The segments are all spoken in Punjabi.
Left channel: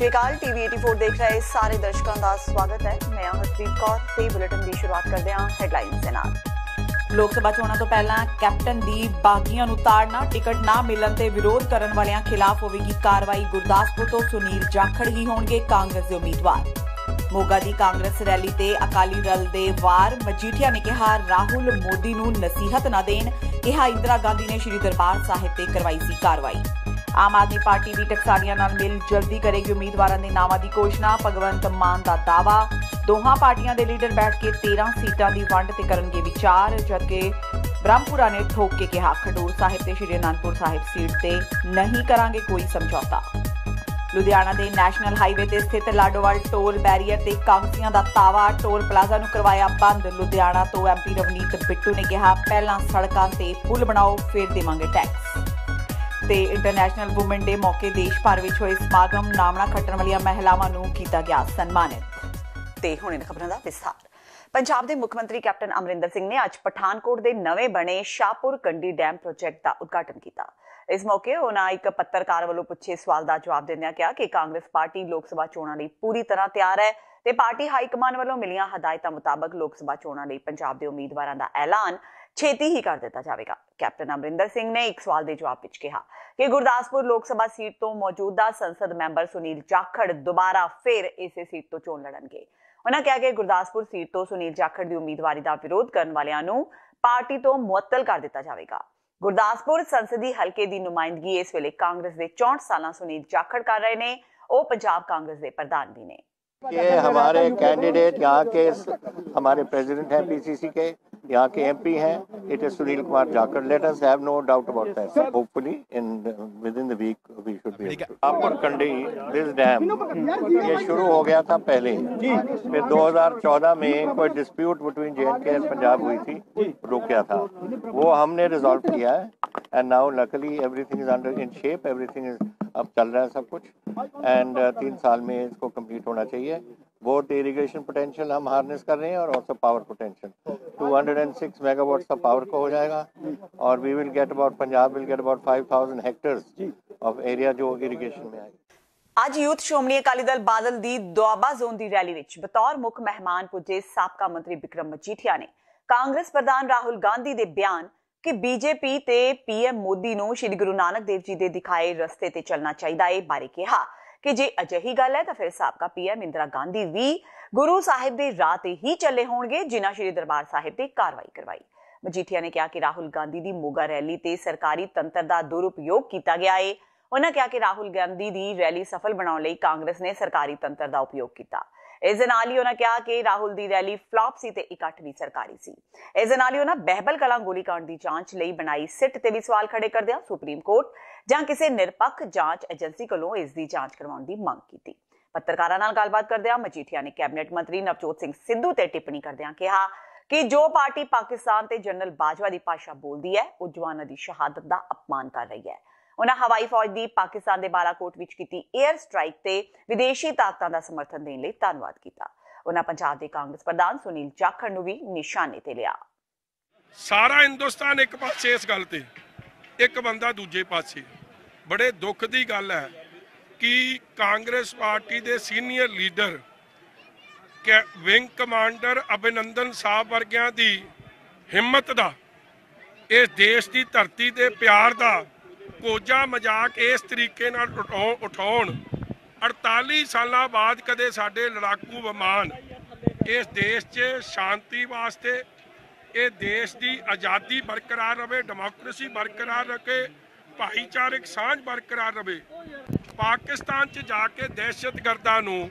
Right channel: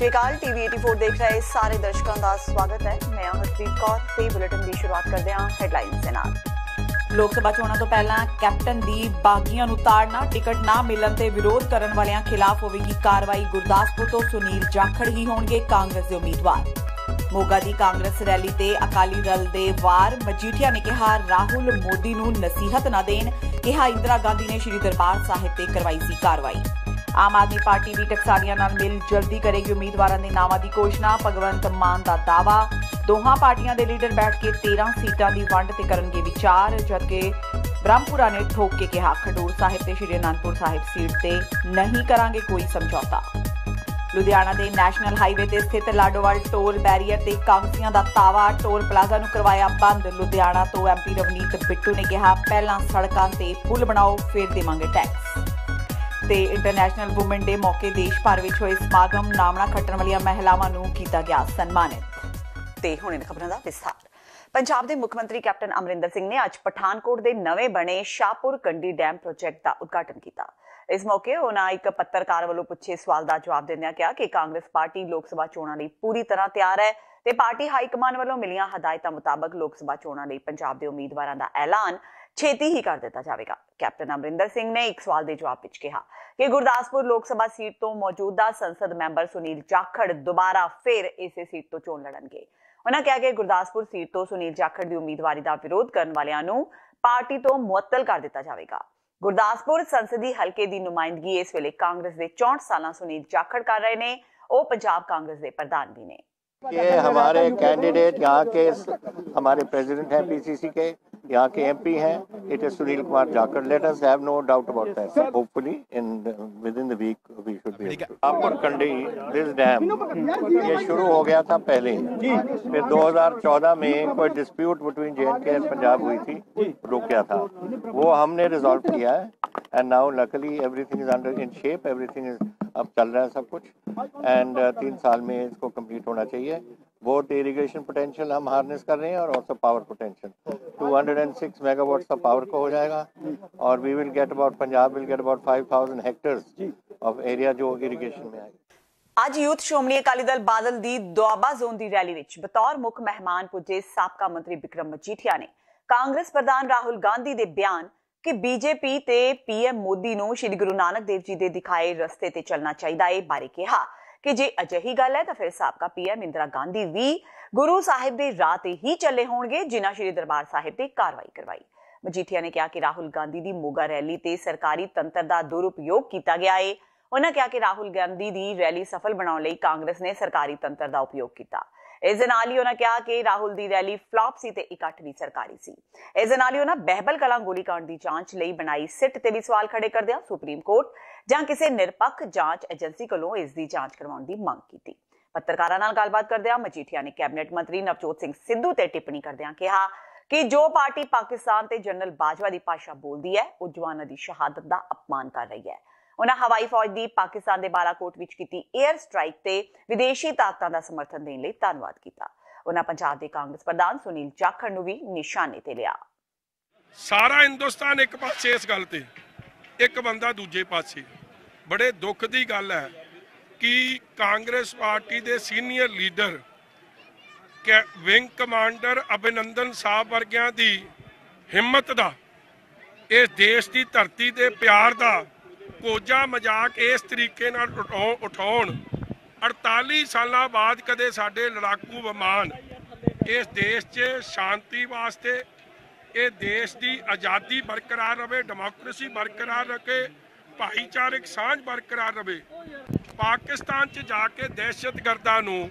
श्री अकाल टीवी 84 देख रहे सारे दर्शकों का स्वागत है। मैं हरप्रीत कौर ते बुलेटिन की शुरुआत करते हैं हेडलाइंस के नाल। लोक सभा चोणां तो पहला कैप्टन दी बागियां नूं ताड़ना, टिकट ना मिलण ते विरोध करन वालियां खिलाफ होवेगी कार्रवाई। गुरदासपुर तो सुनील जाखड़ ही होणगे कांग्रेस दे उम्मीदवार। मोगा दी कांग्रेस रैली ते अकाली दल दे वार। मजीठिया ने कहा राहुल मोदी नूं नसीहत ना देण। कहा इंदिरा गांधी ने श्री दरबार साहिब ते करवाई सी कार्रवाई। आम आदमी पार्टी भी टकसालियां नाल मिल जल्दी करेगी उम्मीदवारों के नावां दी घोषणा। भगवंत मान का दावा। दोहां पार्टियां दे लीडर बैठ के 13 सीटां दी वंड ते करनगे विचार। जबकि ब्रह्मपुरा ने ठोक के कहा खडूर साहिब ते श्री आनंदपुर साहिब सीट ते नहीं करांगे कोई समझौता। लुधियाना के नैशनल हाईवे ते स्थित लाडोवाल टोल बैरीयर ते कागजियां दा तावा। टोल प्लाजा नूं करवाया बंद। लुधियाना तो MP रवनीत बिट्टू ने कहा पहला सड़कां ते पुल बनाओ फिर देवांगे टैक्स। ते इंटरनेशनल वुमेन डे मौके देश भर विच होए समागम। नामना खट्टण वालियां महिलावां नूं कीता गया सन्मानित। ते हुण इन्हां खबरां दा विस्तार। पंजाब के मुख्यमंत्री कैप्टन अमरिंदर सिंह ने अज पठानकोट के नवें बने शाहपुर कंडी डैम प्रोजेक्ट का उद्घाटन किया। इस मौके उन्होंने एक पत्रकार वालों पूछे सवाल का जवाब देंदे कहा कि कांग्रेस पार्टी लोक सभा चोणां लई पूरी तरह तैयार है ते पार्टी हाईकमान वालों मिलियां हदायतां मुताबक लोक सभा चोणां लई पंजाब के उम्मीदवारों का ऐलान छेती ही कर दिता जाएगा। कैप्टन अमरिंदर सिंह ने एक सवाल के जवाब विच कहा कि गुरदासपुर लोक सभा सीट तो मौजूदा संसद मैंबर सुनील जाखड़ दोबारा फिर इसे सीट तो चोण लड़नगे। उन्होंने कहा कि गुरदासपुर सीट तो सुनील जाखड़ की उम्मीदवारी का विरोध करने वालियां नूं पार्टी तो मुअत्तल कर दिता जाएगा। गुरदासपुर संसदीय हल्के की नुमाइंदगी इस वेले कांग्रेस के 64 साल सुनील जाखड़ कर रहे हैं। वो पंजाब कांग्रेस के प्रधान भी ने। ये हमारे कैंडिडेट यहाँ के हमारे प्रेसिडेंट हैं PCC के, यहाँ के MP हैं, it is Sunil Kumar Jakhar. Let us have no doubt about that. Hopefully within the week we should be. Shahpur Kandi this dam ये शुरू हो गया था पहले, फिर 2014 में कोई डिस्प्यूट बिटवीन J&K और पंजाब हुई थी, रोका था, वो हमने रिजॉल्व किया है। And now luckily everything is under in shape, everything is अब चल रहा है सब कुछ। एंड 3 साल में इसको कंप्लीट होना चाहिए। बोथ इरिगेशन पोटेंशियल हम हार्नेस कर रहे हैं और ऑल्सो पावर पोटेंशियल 206 मेगावाट का पावर को हो जाएगा। और we will get about Punjab will get about 5000 hectares of area जो इरिगेशन में आएगा। आज यूथ श्रोमणी अकाली दल बादल दी दोआबा जोन की रैली विच बतौर मुख मेहमान पुजे साबका मंत्री बिक्रम मजीठिया ने कांग्रेस प्रधान राहुल गांधी के बयान कि बीजेपी ते PM मोदी नूं श्री गुरु नानक देव जी दे दिखाए रस्ते ते चलना चाहिए बारे कहा कि जे अजिही गल है तो फिर साबका PM इंदिरा गांधी भी गुरु साहिब दे राह ते ही चले होणगे जिन्हां श्री दरबार साहिब ते कार्रवाई करवाई। मजीठिया ने कहा कि राहुल गांधी दी मोगा रैली ते सरकारी तंत्र दा दुरुपयोग किया गया है। उन्होंने कहा कि राहुल गांधी दी रैली सफल बनाने लई कांग्रेस ने सरकारी तंत्र दा उपयोग किया। इस दे नाल ही उन्होंने कहा कि राहुल दी रैली फ्लॉप सी ते इकट्ठ भी सरकारी सी। इस दे नाल ही उन्होंने बहबल कलां गोलीकांड दी जांच लई बनाई सिट ते भी सवाल खड़े करदिआं सुप्रीम कोर्ट जां किसी निरपक्ष जांच एजेंसी कोलों इस दी जांच करवाउण दी मंग कीती। पत्रकारां नाल गलबात करदिआं मजीठिया ने कैबिनेट मंत्री नवजोत सिंह सिद्धू ते टिप्पणी करदिआं कहा कि जो पार्टी पाकिस्तान ते जनरल बाजवा की भाषा बोलती है वो जवानों की शहादत का अपमान कर रही है। उन्होंने हवाई फौज की पाकिस्तान के बालाकोट विच कीती एयर स्ट्राइक ते विदेशी ताकतां दा समर्थन देने लई धन्नवाद किया। उन्होंने पंजाब के कांग्रेस प्रधान सुनील जाखड़ नूं भी निशाने ते लिया। सारा हिंदुस्तान एक पासे इस गल ते, एक बंदा दूजे पासे। बड़े दुख की गल है कि कांग्रेस पार्टी के सीनियर लीडर विंग कमांडर अभिनंदन साहब वर्गियां दी हिम्मत दा, इस देश की धरती ते प्यार दा कोजा मजाक इस तरीके नाल उठाउण। 48 साल बाद कदे साडे लड़ाकू विमान इस देश च शांति वास्ते, इस देश की आज़ादी बरकरार रहे, डेमोक्रेसी बरकरार रखे, भाईचारक सांझ बरकरार रहे। पाकिस्तान च जाके दहशतगर्दां नूं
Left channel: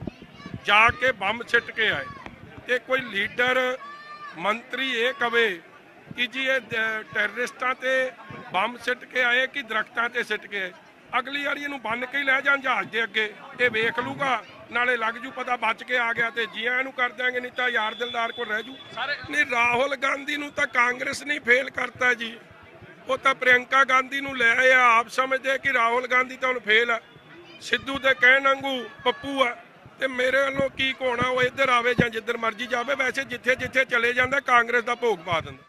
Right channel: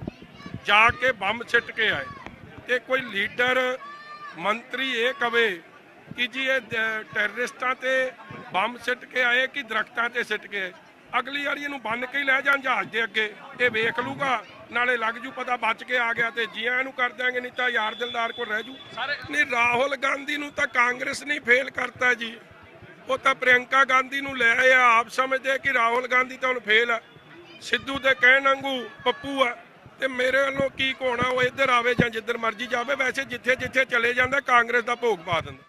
जाके बंब छिट के आए ते कोई लीडर मंत्री ये कहे कि जी ये टैररिस्टां ते बंब सिट के आए कि दरख्तां ते सिट के। अगली बार इहनूं बन के लै जाण जहाज दे अगे, ये वेख लूगा, नाले लग जू पता बच के आ गया ते जियां इहनूं कर देंगे, नहीं तो यार दिलदार को रह जू। नहीं राहुल गांधी नूं तां कांग्रेस नहीं फेल करता जी, वो तां प्रियंका गांधी नूं ले आए। आप समझदे कि राहुल गांधी तां हुण फेल है, सिद्धू ते कहण वांगू पप्पू है ते मेरे वालों की होना, वो इधर आवे जां जिधर मर्जी जावे। वैसे जिथे जिथे चले जांदा कांग्रेस दा भोग पा दिंदा।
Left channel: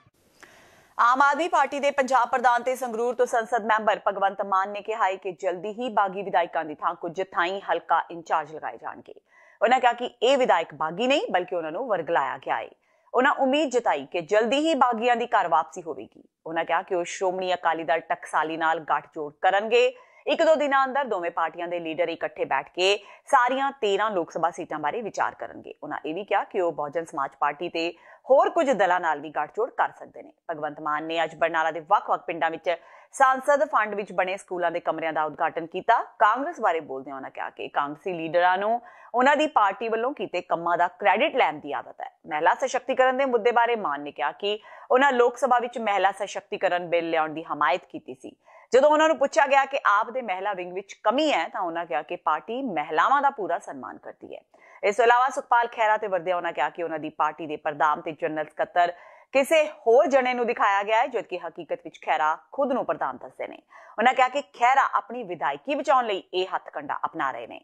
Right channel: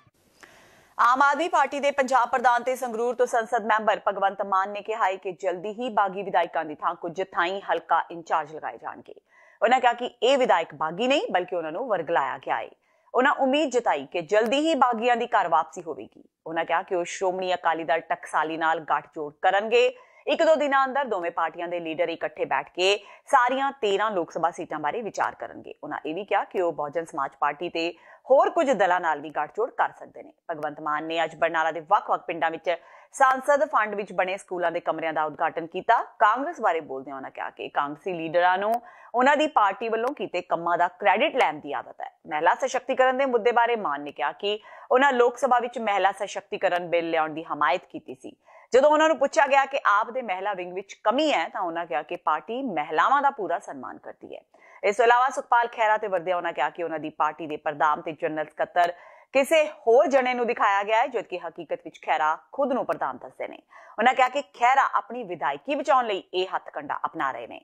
ਆਮ ਆਦਮੀ ਪਾਰਟੀ ਦੇ ਪੰਜਾਬ ਪ੍ਰਧਾਨ ਤੇ ਸੰਗਰੂਰ ਤੋਂ ਸੰਸਦ ਮੈਂਬਰ ਭਗਵੰਤ ਮਾਨ ਨੇ ਕਿਹਾ ਹੈ ਕਿ ਜਲਦੀ ਹੀ ਬਾਗੀ ਵਿਧਾਇਕਾਂ ਦੀ ਥਾਂ ਕੁਝ ਥਾਈਂ ਹਲਕਾ ਇੰਚਾਰਜ ਲਗਾਏ ਜਾਣਗੇ। ਉਹਨਾਂ ਕਿਹਾ ਕਿ ਇਹ ਵਿਧਾਇਕ ਬਾਗੀ ਨਹੀਂ ਬਲਕਿ ਉਹਨਾਂ ਨੂੰ ਵਰਗਲਾਇਆ ਗਿਆ ਹੈ। ਉਹਨਾਂ ਉਮੀਦ ਜਤਾਈ ਕਿ ਜਲਦੀ ਹੀ ਬਾਗੀਆਂ ਦੀ ਘਰ ਵਾਪਸੀ ਹੋਵੇਗੀ। ਉਹਨਾਂ ਕਿਹਾ ਕਿ ਉਹ ਸ਼੍ਰੋਮਣੀ ਅਕਾਲੀ ਦਲ ਟਕਸਾਲੀ ਨਾਲ ਗੱਠਜੋੜ ਕਰਨਗੇ। 1-2 ਦਿਨਾਂ ਅੰਦਰ ਦੋਵੇਂ ਪਾਰਟੀਆਂ ਦੇ ਲੀਡਰ ਇਕੱਠੇ ਬੈਠ ਕੇ ਸਾਰੀਆਂ 13 ਲੋਕ ਸਭਾ ਸੀਟਾਂ ਬਾਰੇ ਵਿਚਾਰ ਕਰਨਗੇ। ਉਹਨਾਂ ਇਹ ਵੀ ਕਿਹਾ ਕਿ ਉਹ ਬਹੁਜਨ ਸਮਾਜ ਪਾਰਟੀ ਤੇ ਹੋਰ ਕੁਝ ਦਲਾਂ ਨਾਲ ਵੀ ਗੱਠਜੋੜ ਕਰ ਸਕਦੇ ਨੇ। ਭਗਵੰਤ ਮਾਨ ਨੇ ਅੱਜ ਬਰਨਾਲਾ ਦੇ ਵੱਖ-ਵੱਖ ਪਿੰਡਾਂ ਵਿੱਚ सांसद फंड विच बने स्कूलों के कमरिਆਂ का उद्घाटन किया। कांग्रेस बारे बोलदे उन्होंने कहा कि कांग्रेसी लीडरां नूं उन्हां दी पार्टी वल्लों कीते कम्मां दा क्रेडिट लैण दी आदत है। महिला सशक्तिकरण के मुद्दे बारे मान ने कहा कि उन्हां लोक सभा विच महिला सशक्तिकरण बिल लियाउण दी हमायत कीती सी। जदों उन्हां नूं पुछा गया कि आप दे महिला विंग विच कमी है तां उन्हां कहा कि पार्टी महिलावां दा पूरा सन्मान करती है। इस तों इलावा सुखपाल खैरा ते वरदिया उन्हां कहा कि उन्हां दी पार्टी दे प्रधान ते जनरल सकत्तर किसी होर जने नूं दिखाया गया है, जबकि हकीकत विच खैरा खुद नूं प्रधान दसदे ने। उन्होंने कहा कि खैरा अपनी विधायकी बचाउण लई इह हथकंडा अपना रहे ने।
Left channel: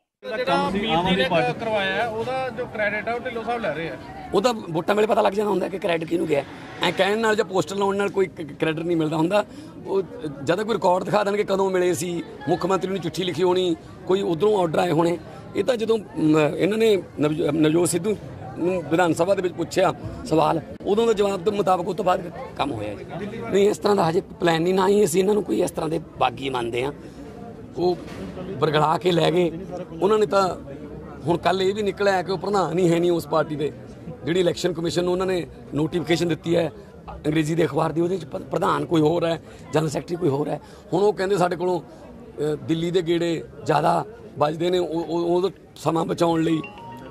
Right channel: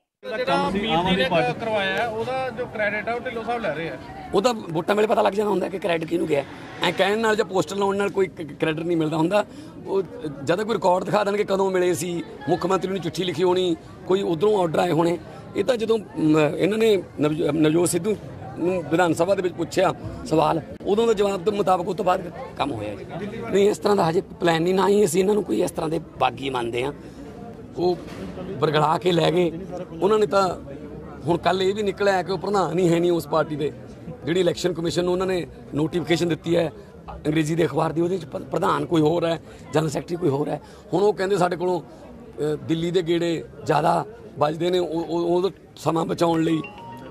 ਉਹਦਾ ਵੋਟਾਂ ਵੇਲੇ ਪਤਾ ਲੱਗ ਜਾਂਦਾ ਹੁੰਦਾ ਕਿ ਕ੍ਰੈਡਿਟ ਕਿਹਨੂੰ ਗਿਆ। ਐ ਕਹਿਣ ਨਾਲ ਜਾਂ ਪੋਸਟਰ ਲਾਉਣ ਨਾਲ ਕੋਈ ਕ੍ਰੈਡਿਟ ਨਹੀਂ ਮਿਲਦਾ ਹੁੰਦਾ। ਉਹ ਜਦੋਂ ਕੋਈ ਰਿਕਾਰਡ ਦਿਖਾ ਦੇਣਗੇ ਕਦੋਂ ਮਿਲੇ ਸੀ, ਮੁੱਖ ਮੰਤਰੀ ਨੂੰ ਚਿੱਠੀ ਲਿਖੀ ਹੋਣੀ, ਕੋਈ ਉਧਰੋਂ ਆਰਡਰ ਆਏ ਹੋਣੇ। ਇਹ ਤਾਂ ਜਦੋਂ ਇਹਨਾਂ ਨੇ ਨਵਜੋਤ ਸਿੱਧੂ ਨੂੰ ਵਿਧਾਨ ਸਭਾ ਦੇ ਵਿੱਚ ਪੁੱਛਿਆ ਸਵਾਲ, ਉਦੋਂ ਦੇ ਜਵਾਬ ਦੇ ਮੁਤਾਬਕ ਉਸ ਤੋਂ ਬਾਅਦ ਕੰਮ ਹੋਇਆ ਜੀ। ਨਹੀਂ ਇਸ ਤਰ੍ਹਾਂ ਦਾ ਹਜੇ ਪਲਾਨ ਨਹੀਂ, ਨਾ ਹੀ ਅਸੀਂ ਇਹਨਾਂ ਨੂੰ ਕੋਈ ਇਸ ਤਰ੍ਹਾਂ ਦੇ ਬਾਗੀ ਮੰਨਦੇ ਹਾਂ। ਉਹ ਬਰਗਲਾ ਕੇ ਲੈ ਗਏ ਉਹਨਾਂ ਨੇ। ਤਾਂ ਹੁਣ ਕੱਲ ਇਹ ਵੀ ਨਿਕਲਿਆ ਕਿ ਉਹ ਪ੍ਰਧਾਨ ਹੀ ਹੈ ਨਹੀਂ ਉਸ ਪਾਰਟੀ ਦੇ। ਜਿਹੜੀ ਇਲੈਕਸ਼ਨ ਕਮਿਸ਼ਨ ਨੂੰ ਉਹਨਾਂ ਨੇ ਨੋਟੀਫਿਕੇਸ਼ਨ ਦਿੱਤੀ ਹੈ ਅੰਗਰੇਜ਼ੀ ਦੇ ਅਖਬਾਰ ਦੀ, ਉਹਦੇ 'ਚ ਪ੍ਰਧਾਨ ਕੋਈ ਹੋਰ ਹੈ, ਜਨਰਲ ਸੈਕਟਰੀ ਕੋਈ ਹੋਰ ਹੈ। ਹੁਣ ਉਹ ਕਹਿੰਦੇ ਸਾਡੇ ਕੋਲੋਂ ਦਿੱਲੀ ਦੇ ਗੇੜੇ ਜ਼ਿਆਦਾ ਵੱਜਦੇ ਨੇ, ਉਹ ਸਮਾਂ ਬਚਾਉਣ ਲਈ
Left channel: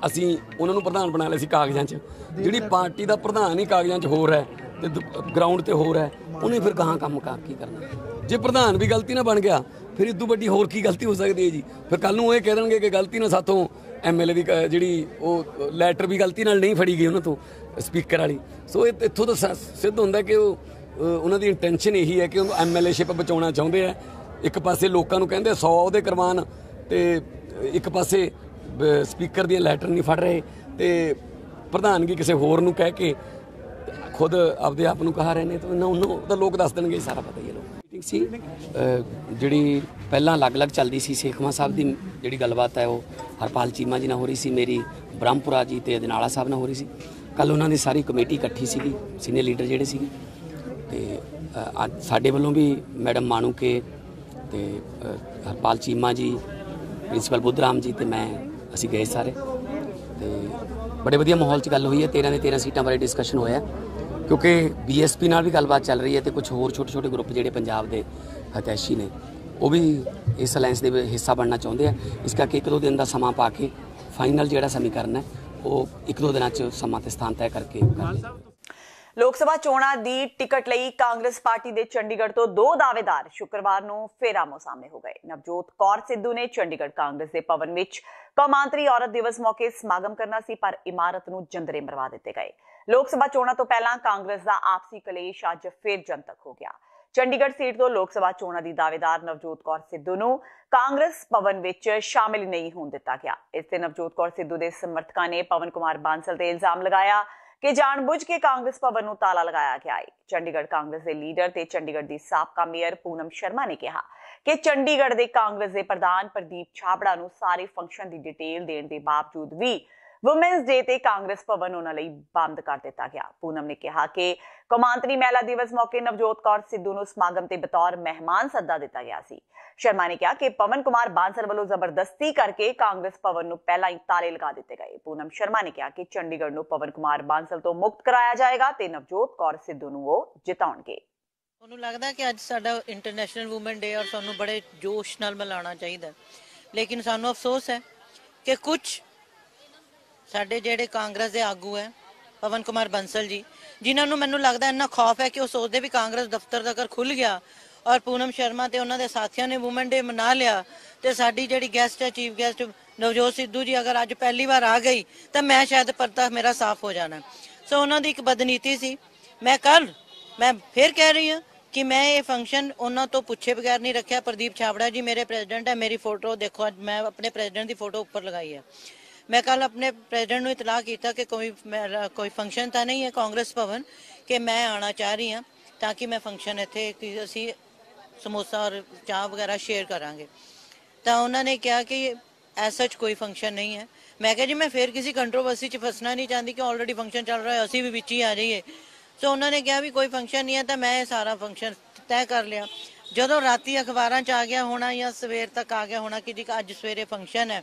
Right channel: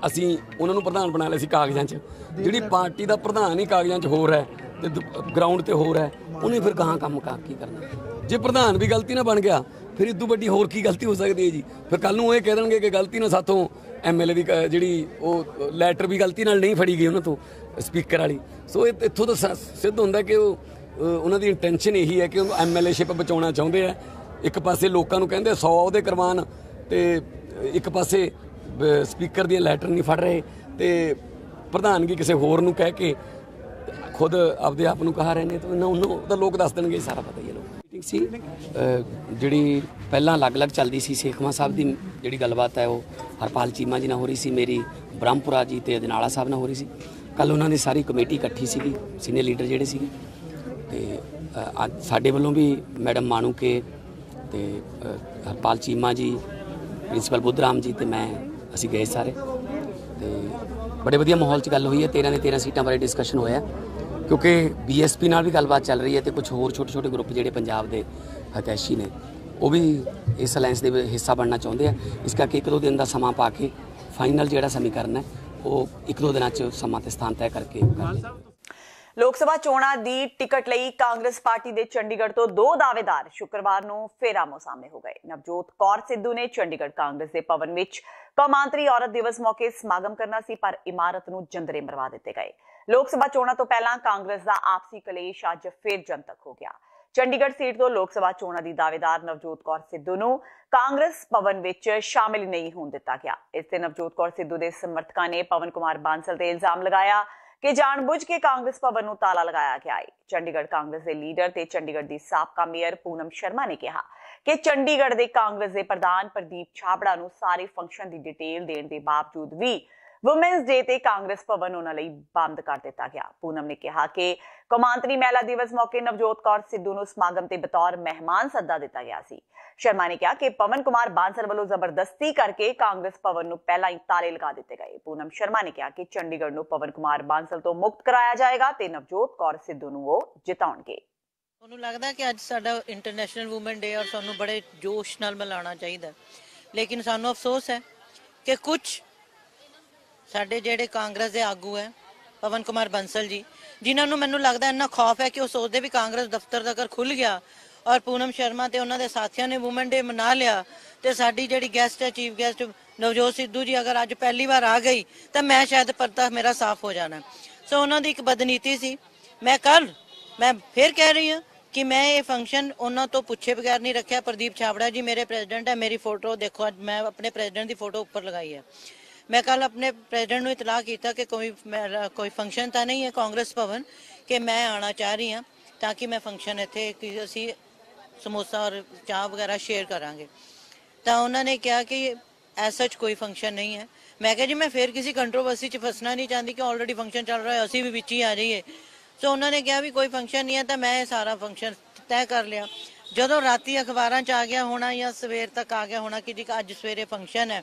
ਅਸੀਂ ਉਹਨਾਂ ਨੂੰ ਪ੍ਰਧਾਨ ਬਣਾ ਲਿਆ ਸੀ ਕਾਗਜ਼ਾਂ 'ਚ। ਜਿਹੜੀ ਪਾਰਟੀ ਦਾ ਪ੍ਰਧਾਨ ਹੀ ਕਾਗਜ਼ਾਂ 'ਚ ਹੋਰ ਹੈ ਤੇ ਗਰਾਊਂਡ ਤੇ ਹੋਰ ਹੈ, ਉਹਨੇ ਫਿਰ ਗਾਹਾਂ ਕੰਮ ਕੀ ਕਰਨਾ। ਜੇ ਪ੍ਰਧਾਨ ਵੀ ਗਲਤੀ ਨਾਲ ਬਣ ਗਿਆ ਫਿਰ ਇਦੋਂ ਵੱਡੀ ਹੋਰ ਕੀ ਗਲਤੀ ਹੋ ਸਕਦੀ ਹੈ ਜੀ। ਫਿਰ ਕੱਲ ਨੂੰ ਇਹ ਕਹਿ ਦੇਣਗੇ ਕਿ ਗਲਤੀ ਨਾਲ ਸਾਥੋਂ MLA ਦੀ ਜਿਹੜੀ ਉਹ ਲੈਟਰ ਵੀ ਗਲਤੀ ਨਾਲ ਨਹੀਂ ਫੜੀ ਗਈ ਉਹਨਾਂ ਤੋਂ, ਸਪੀਕਰ ਵਾਲੀ। ਸੋ ਇੱਥੋਂ ਤਾਂ ਸਿੱਧ ਹੁੰਦਾ ਕਿ ਉਹਨਾਂ ਦੀ ਇੰਟੈਂਸ਼ਨ ਇਹੀ ਹੈ ਕਿ ਉਹ MLAਸ਼ਿਪ ਬਚਾਉਣਾ ਚਾਹੁੰਦੇ ਆ। ਇੱਕ ਪਾਸੇ ਲੋਕਾਂ ਨੂੰ ਕਹਿੰਦੇ 100 ਉਹਦੇ ਕਰਵਾਉਣ ਤੇ ਇੱਕ ਪਾਸੇ ਸਪੀਕਰ ਦੀਆਂ ਲੈਟਰ ਨਹੀਂ ਫੜ ਰਹੇ ਤੇ ਪ੍ਰਧਾਨਗੀ ਕਿਸੇ ਹੋਰ ਨੂੰ ਕਹਿ ਕੇ ਖੁਦ ਆਪਦੇ ਆਪ ਨੂੰ ਕਹਾ ਰਹੇ ਨੇ। ਤਾਂ ਉਹਨੂੰ ਤਾਂ ਲੋਕ ਦੱਸ ਦੇਣਗੇ, ਸਾਰਾ ਪਤਾ ਹੀ ਹੈ। ਲੋਕ ਸੀ ਜਿਹੜੀ ਪਹਿਲਾਂ ਅਲੱਗ-ਅਲੱਗ ਚੱਲਦੀ ਸੀ ਸੇਖਵਾਂ ਸਾਹਿਬ ਦੀ ਜਿਹੜੀ ਗੱਲਬਾਤ ਹੈ ਉਹ ਹਰਪਾਲ ਚੀਮਾ ਜੀ ਨਾਲ ਹੋ ਰਹੀ ਸੀ, ਮੇਰੀ ਬ੍ਰਹਮਪੁਰਾ ਜੀ ਤੇ ਅਜਨਾਲਾ ਸਾਹਿਬ ਨਾਲ ਹੋ ਰਹੀ ਸੀ। ਕੱਲ ਉਹਨਾਂ ਦੀ ਸਾਰੀ ਕਮੇਟੀ ਇਕੱਠੀ ਸੀਗੀ, ਸੀਨੀਅਰ ਲੀਡਰ ਜਿਹੜੇ ਸੀਗੇ। ਤੇ ਅੱਜ ਸਾਡੇ ਵੱਲੋਂ ਵੀ ਮੈਡਮ ਮਾਣੂਕੇ ਤੇ ਹਰਪਾਲ ਚੀਮਾ ਜੀ, ਪ੍ਰਿੰਸੀਪਲ ਬੁੱਧਰਾਮ ਜੀ ਤੇ ਮੈਂ ਅਸੀਂ ਗਏ ਸਾਰੇ। ਤੇ ਬੜੇ ਵਧੀਆ ਮਾਹੌਲ 'ਚ ਗੱਲ ਹੋਈ ਹੈ। 13 ਦੇ 13 ਸੀਟਾਂ ਬਾਰੇ ਡਿਸਕਸ਼ਨ ਹੋਇਆ ਕਿਉਂਕਿ BSP ਨਾਲ ਵੀ ਗੱਲਬਾਤ ਚੱਲ ਰਹੀ ਹੈ ਤੇ ਕੁਝ ਹੋਰ ਛੋਟੇ-ਛੋਟੇ ਗਰੁੱਪ ਜਿਹੜੇ ਪੰਜਾਬ ਦੇ ਹਤੈਸ਼ੀ ਨੇ ਉਹ ਵੀ ਇਸ ਅਲਾਇੰਸ ਦੇ ਹਿੱਸਾ ਬਣਨਾ ਚਾਹੁੰਦੇ ਆ। ਇਸ ਕਰਕੇ 1-2 ਦਿਨ ਦਾ ਸਮਾਂ ਪਾ ਕੇ ਫਾਈਨਲ ਜਿਹੜਾ ਸਮੀਕਰਨ ਹੈ ਉਹ 1-2 ਦਿਨਾਂ 'ਚ ਸਮਾਂ ਤੇ ਸਥਾਨ ਤੈਅ ਕਰਕੇ लोक सभा चोणां दी टिकट लई कांग्रेस पार्टी दे चंडीगढ़ तो 2 दावेदार शुक्रवार नूं फिर आमो सामने हो गए। नवजोत कौर सिद्धू ने चंडीगढ़ कांग्रेस दे भवन विच कौमांतरी औरत दिवस मौके समागम करना सी, पर इमारत नूं जंदरे मरवा दिते गए। लोक सभा चोणां तो पहलां कांग्रेस दा आपसी कलेश अज फिर जंतक हो गया। चंडीगढ़ सीट तो लोक सभा चोणां दी दावेदार नवजोत कौर सिद्धू नूं कांग्रेस भवन विच शामिल नहीं होण दिता गया। इस ते नवजोत कौर सिद्धू दे समर्थकां ने पवन कुमार बांसल ते इल्जाम लगाया कि जानबूझ के कांग्रेस भवन नूं ताला लगाया गया है। चंडीगढ़ कांग्रेस के लीडर ते चंडीगढ़ दी साबका मेयर पूनम शर्मा ने कहा कि चंडीगढ़ दे कांग्रेस दे प्रधान प्रदीप छाबड़ा नूं सारे फंक्शन दी डिटेल देण दे बावजूद भी वुमेन्स डे ते कांग्रेस भवन उन्हां लई बंद कर दिता गया। पूनम ने कहा कि कौमांतरी महिला दिवस मौके नवजोत कौर सिद्धू नूं समागम ते बतौर मेहमान सद्दा दिता गया सी। शर्मा ने कहा कि पवन कुमार बांसल वालों जबरदस्ती करके कांग्रेस भवन नूं पहला ही ताले लगा दिते गए। पूनम शर्मा ने कहा कि चंडीगढ़ नूं पवन कुमार बांसल तो मुक्त कराया जाएगा ते नवजोत कौर सिद्धू नूं वो जिताउणगे। ਤੁਹਾਨੂੰ ਲੱਗਦਾ ਕਿ ਅੱਜ ਸਾਡਾ ਇੰਟਰਨੈਸ਼ਨਲ ਵੂਮਨ ਡੇ ਔਰ ਸਾਨੂੰ ਬੜੇ ਜੋਸ਼ ਨਾਲ ਮਨਾਉਣਾ ਚਾਹੀਦਾ, ਲੇਕਿਨ ਸਾਨੂੰ ਅਫਸੋਸ ਹੈ ਕਿ ਕੁਝ ਸਾਡੇ ਜਿਹੜੇ ਕਾਂਗਰਸ ਦੇ ਆਗੂ ਹੈ ਪਵਨ ਕੁਮਾਰ ਬੰਸਲ ਜੀ, ਜਿਨ੍ਹਾਂ ਨੂੰ ਮੈਨੂੰ ਲੱਗਦਾ ਇੰਨਾ ਖੌਫ ਹੈ ਕਿ ਉਹ ਸੋਚਦੇ ਵੀ ਕਾਂਗਰਸ ਦਫ਼ਤਰ ਦਾ ਅਗਰ ਖੁੱਲ ਗਿਆ ਔਰ ਪੂਨਮ ਸ਼ਰਮਾ ਤੇ ਉਹਨਾਂ ਦੇ ਸਾਥੀਆਂ ਨੇ ਵੂਮਨ ਡੇ ਮਨਾ ਲਿਆ ਤੇ ਸਾਡੀ ਜਿਹੜੀ ਗੈਸਟ ਹੈ ਚੀਫ ਗੈਸਟ ਨਵਜੋਤ ਸਿੱਧੂ ਜੀ ਅਗਰ ਅੱਜ ਪਹਿਲੀ ਵਾਰ ਆ ਗਈ ਤਾਂ ਮੈਂ ਸ਼ਾਇਦ ਪਰਦਾ ਮੇਰਾ ਸਾਫ਼ ਹੋ ਜਾਣਾ। ਸੋ ਉਹਨਾਂ ਦੀ ਇੱਕ ਬਦਨੀਤੀ ਸੀ। ਮੈਂ ਫਿਰ ਕਹਿ ਰਹੀ ਹਾਂ ਕਿ ਮੈਂ ਇਹ ਫੰਕਸ਼ਨ ਉਹਨਾਂ ਤੋਂ ਪੁੱਛੇ ਬਗੈਰ ਨਹੀਂ ਰੱਖਿਆ। ਪ੍ਰਦੀਪ ਛਾਬੜਾ ਜੀ ਮੇਰੇ ਪ੍ਰੈਜ਼ੀਡੈਂਟ ਹੈ, ਮੇਰੀ ਫੋਟੋ ਦੇਖੋ, ਅੱਜ ਮੈਂ ਆਪਣੇ ਪ੍ਰੈਜ਼ੀਡੈਂਟ ਦੀ ਫੋਟੋ ਉੱਪਰ ਲਗਾਈ ਹੈ। मैं कल अपने प्रेसिडेंट को इतला किया कि कोई फंक्शन तो नहीं है कांग्रेस भवन कि मैं आना चाह रही हाँ, ਤਾਂ ਕਿ ਮੈਂ ਫੰਕਸ਼ਨ ਇੱਥੇ ਕਿ ਅਸੀਂ ਸਮੋਸਾ ਔਰ ਚਾਹ ਵਗੈਰਾ ਸ਼ੇਅਰ ਕਰਾਂਗੇ। ਤਾਂ ਉਹਨਾਂ ਨੇ ਕਿਹਾ ਕਿ ਐਸਾ ਕੋਈ ਫੰਕਸ਼ਨ ਨਹੀਂ ਹੈ। ਮੈਂ ਕਿਹਾ ਜੀ ਮੈਂ ਫਿਰ ਕਿਸੇ ਕੰਟਰੋਵਰਸੀ 'ਚ ਫਸਣਾ ਨਹੀਂ ਚਾਹੁੰਦੀ ਕਿ ਆਲਰੇਡੀ ਫੰਕਸ਼ਨ ਚੱਲ ਰਿਹਾ ਅਸੀਂ ਵੀ ਵਿੱਚ ਹੀ ਆ ਜਾਈਏ। ਸੋ ਉਹਨਾਂ ਨੇ ਕਿਹਾ ਵੀ ਕੋਈ ਫੰਕਸ਼ਨ ਨਹੀਂ ਹੈ। ਤਾਂ ਮੈਂ ਸਾਰਾ ਫੰਕਸ਼ਨ ਤੈਅ ਕਰ ਲਿਆ। ਜਦੋਂ ਰਾਤੀ ਅਖਬਾਰਾਂ 'ਚ ਆ ਗਿਆ ਹੋਣਾ ਜਾਂ ਸਵੇਰ ਤੱਕ ਆ ਗਿਆ ਹੋਣਾ ਕਿ ਜੀ ਅੱਜ ਸਵੇਰੇ ਫੰਕਸ਼ਨ ਹੈ,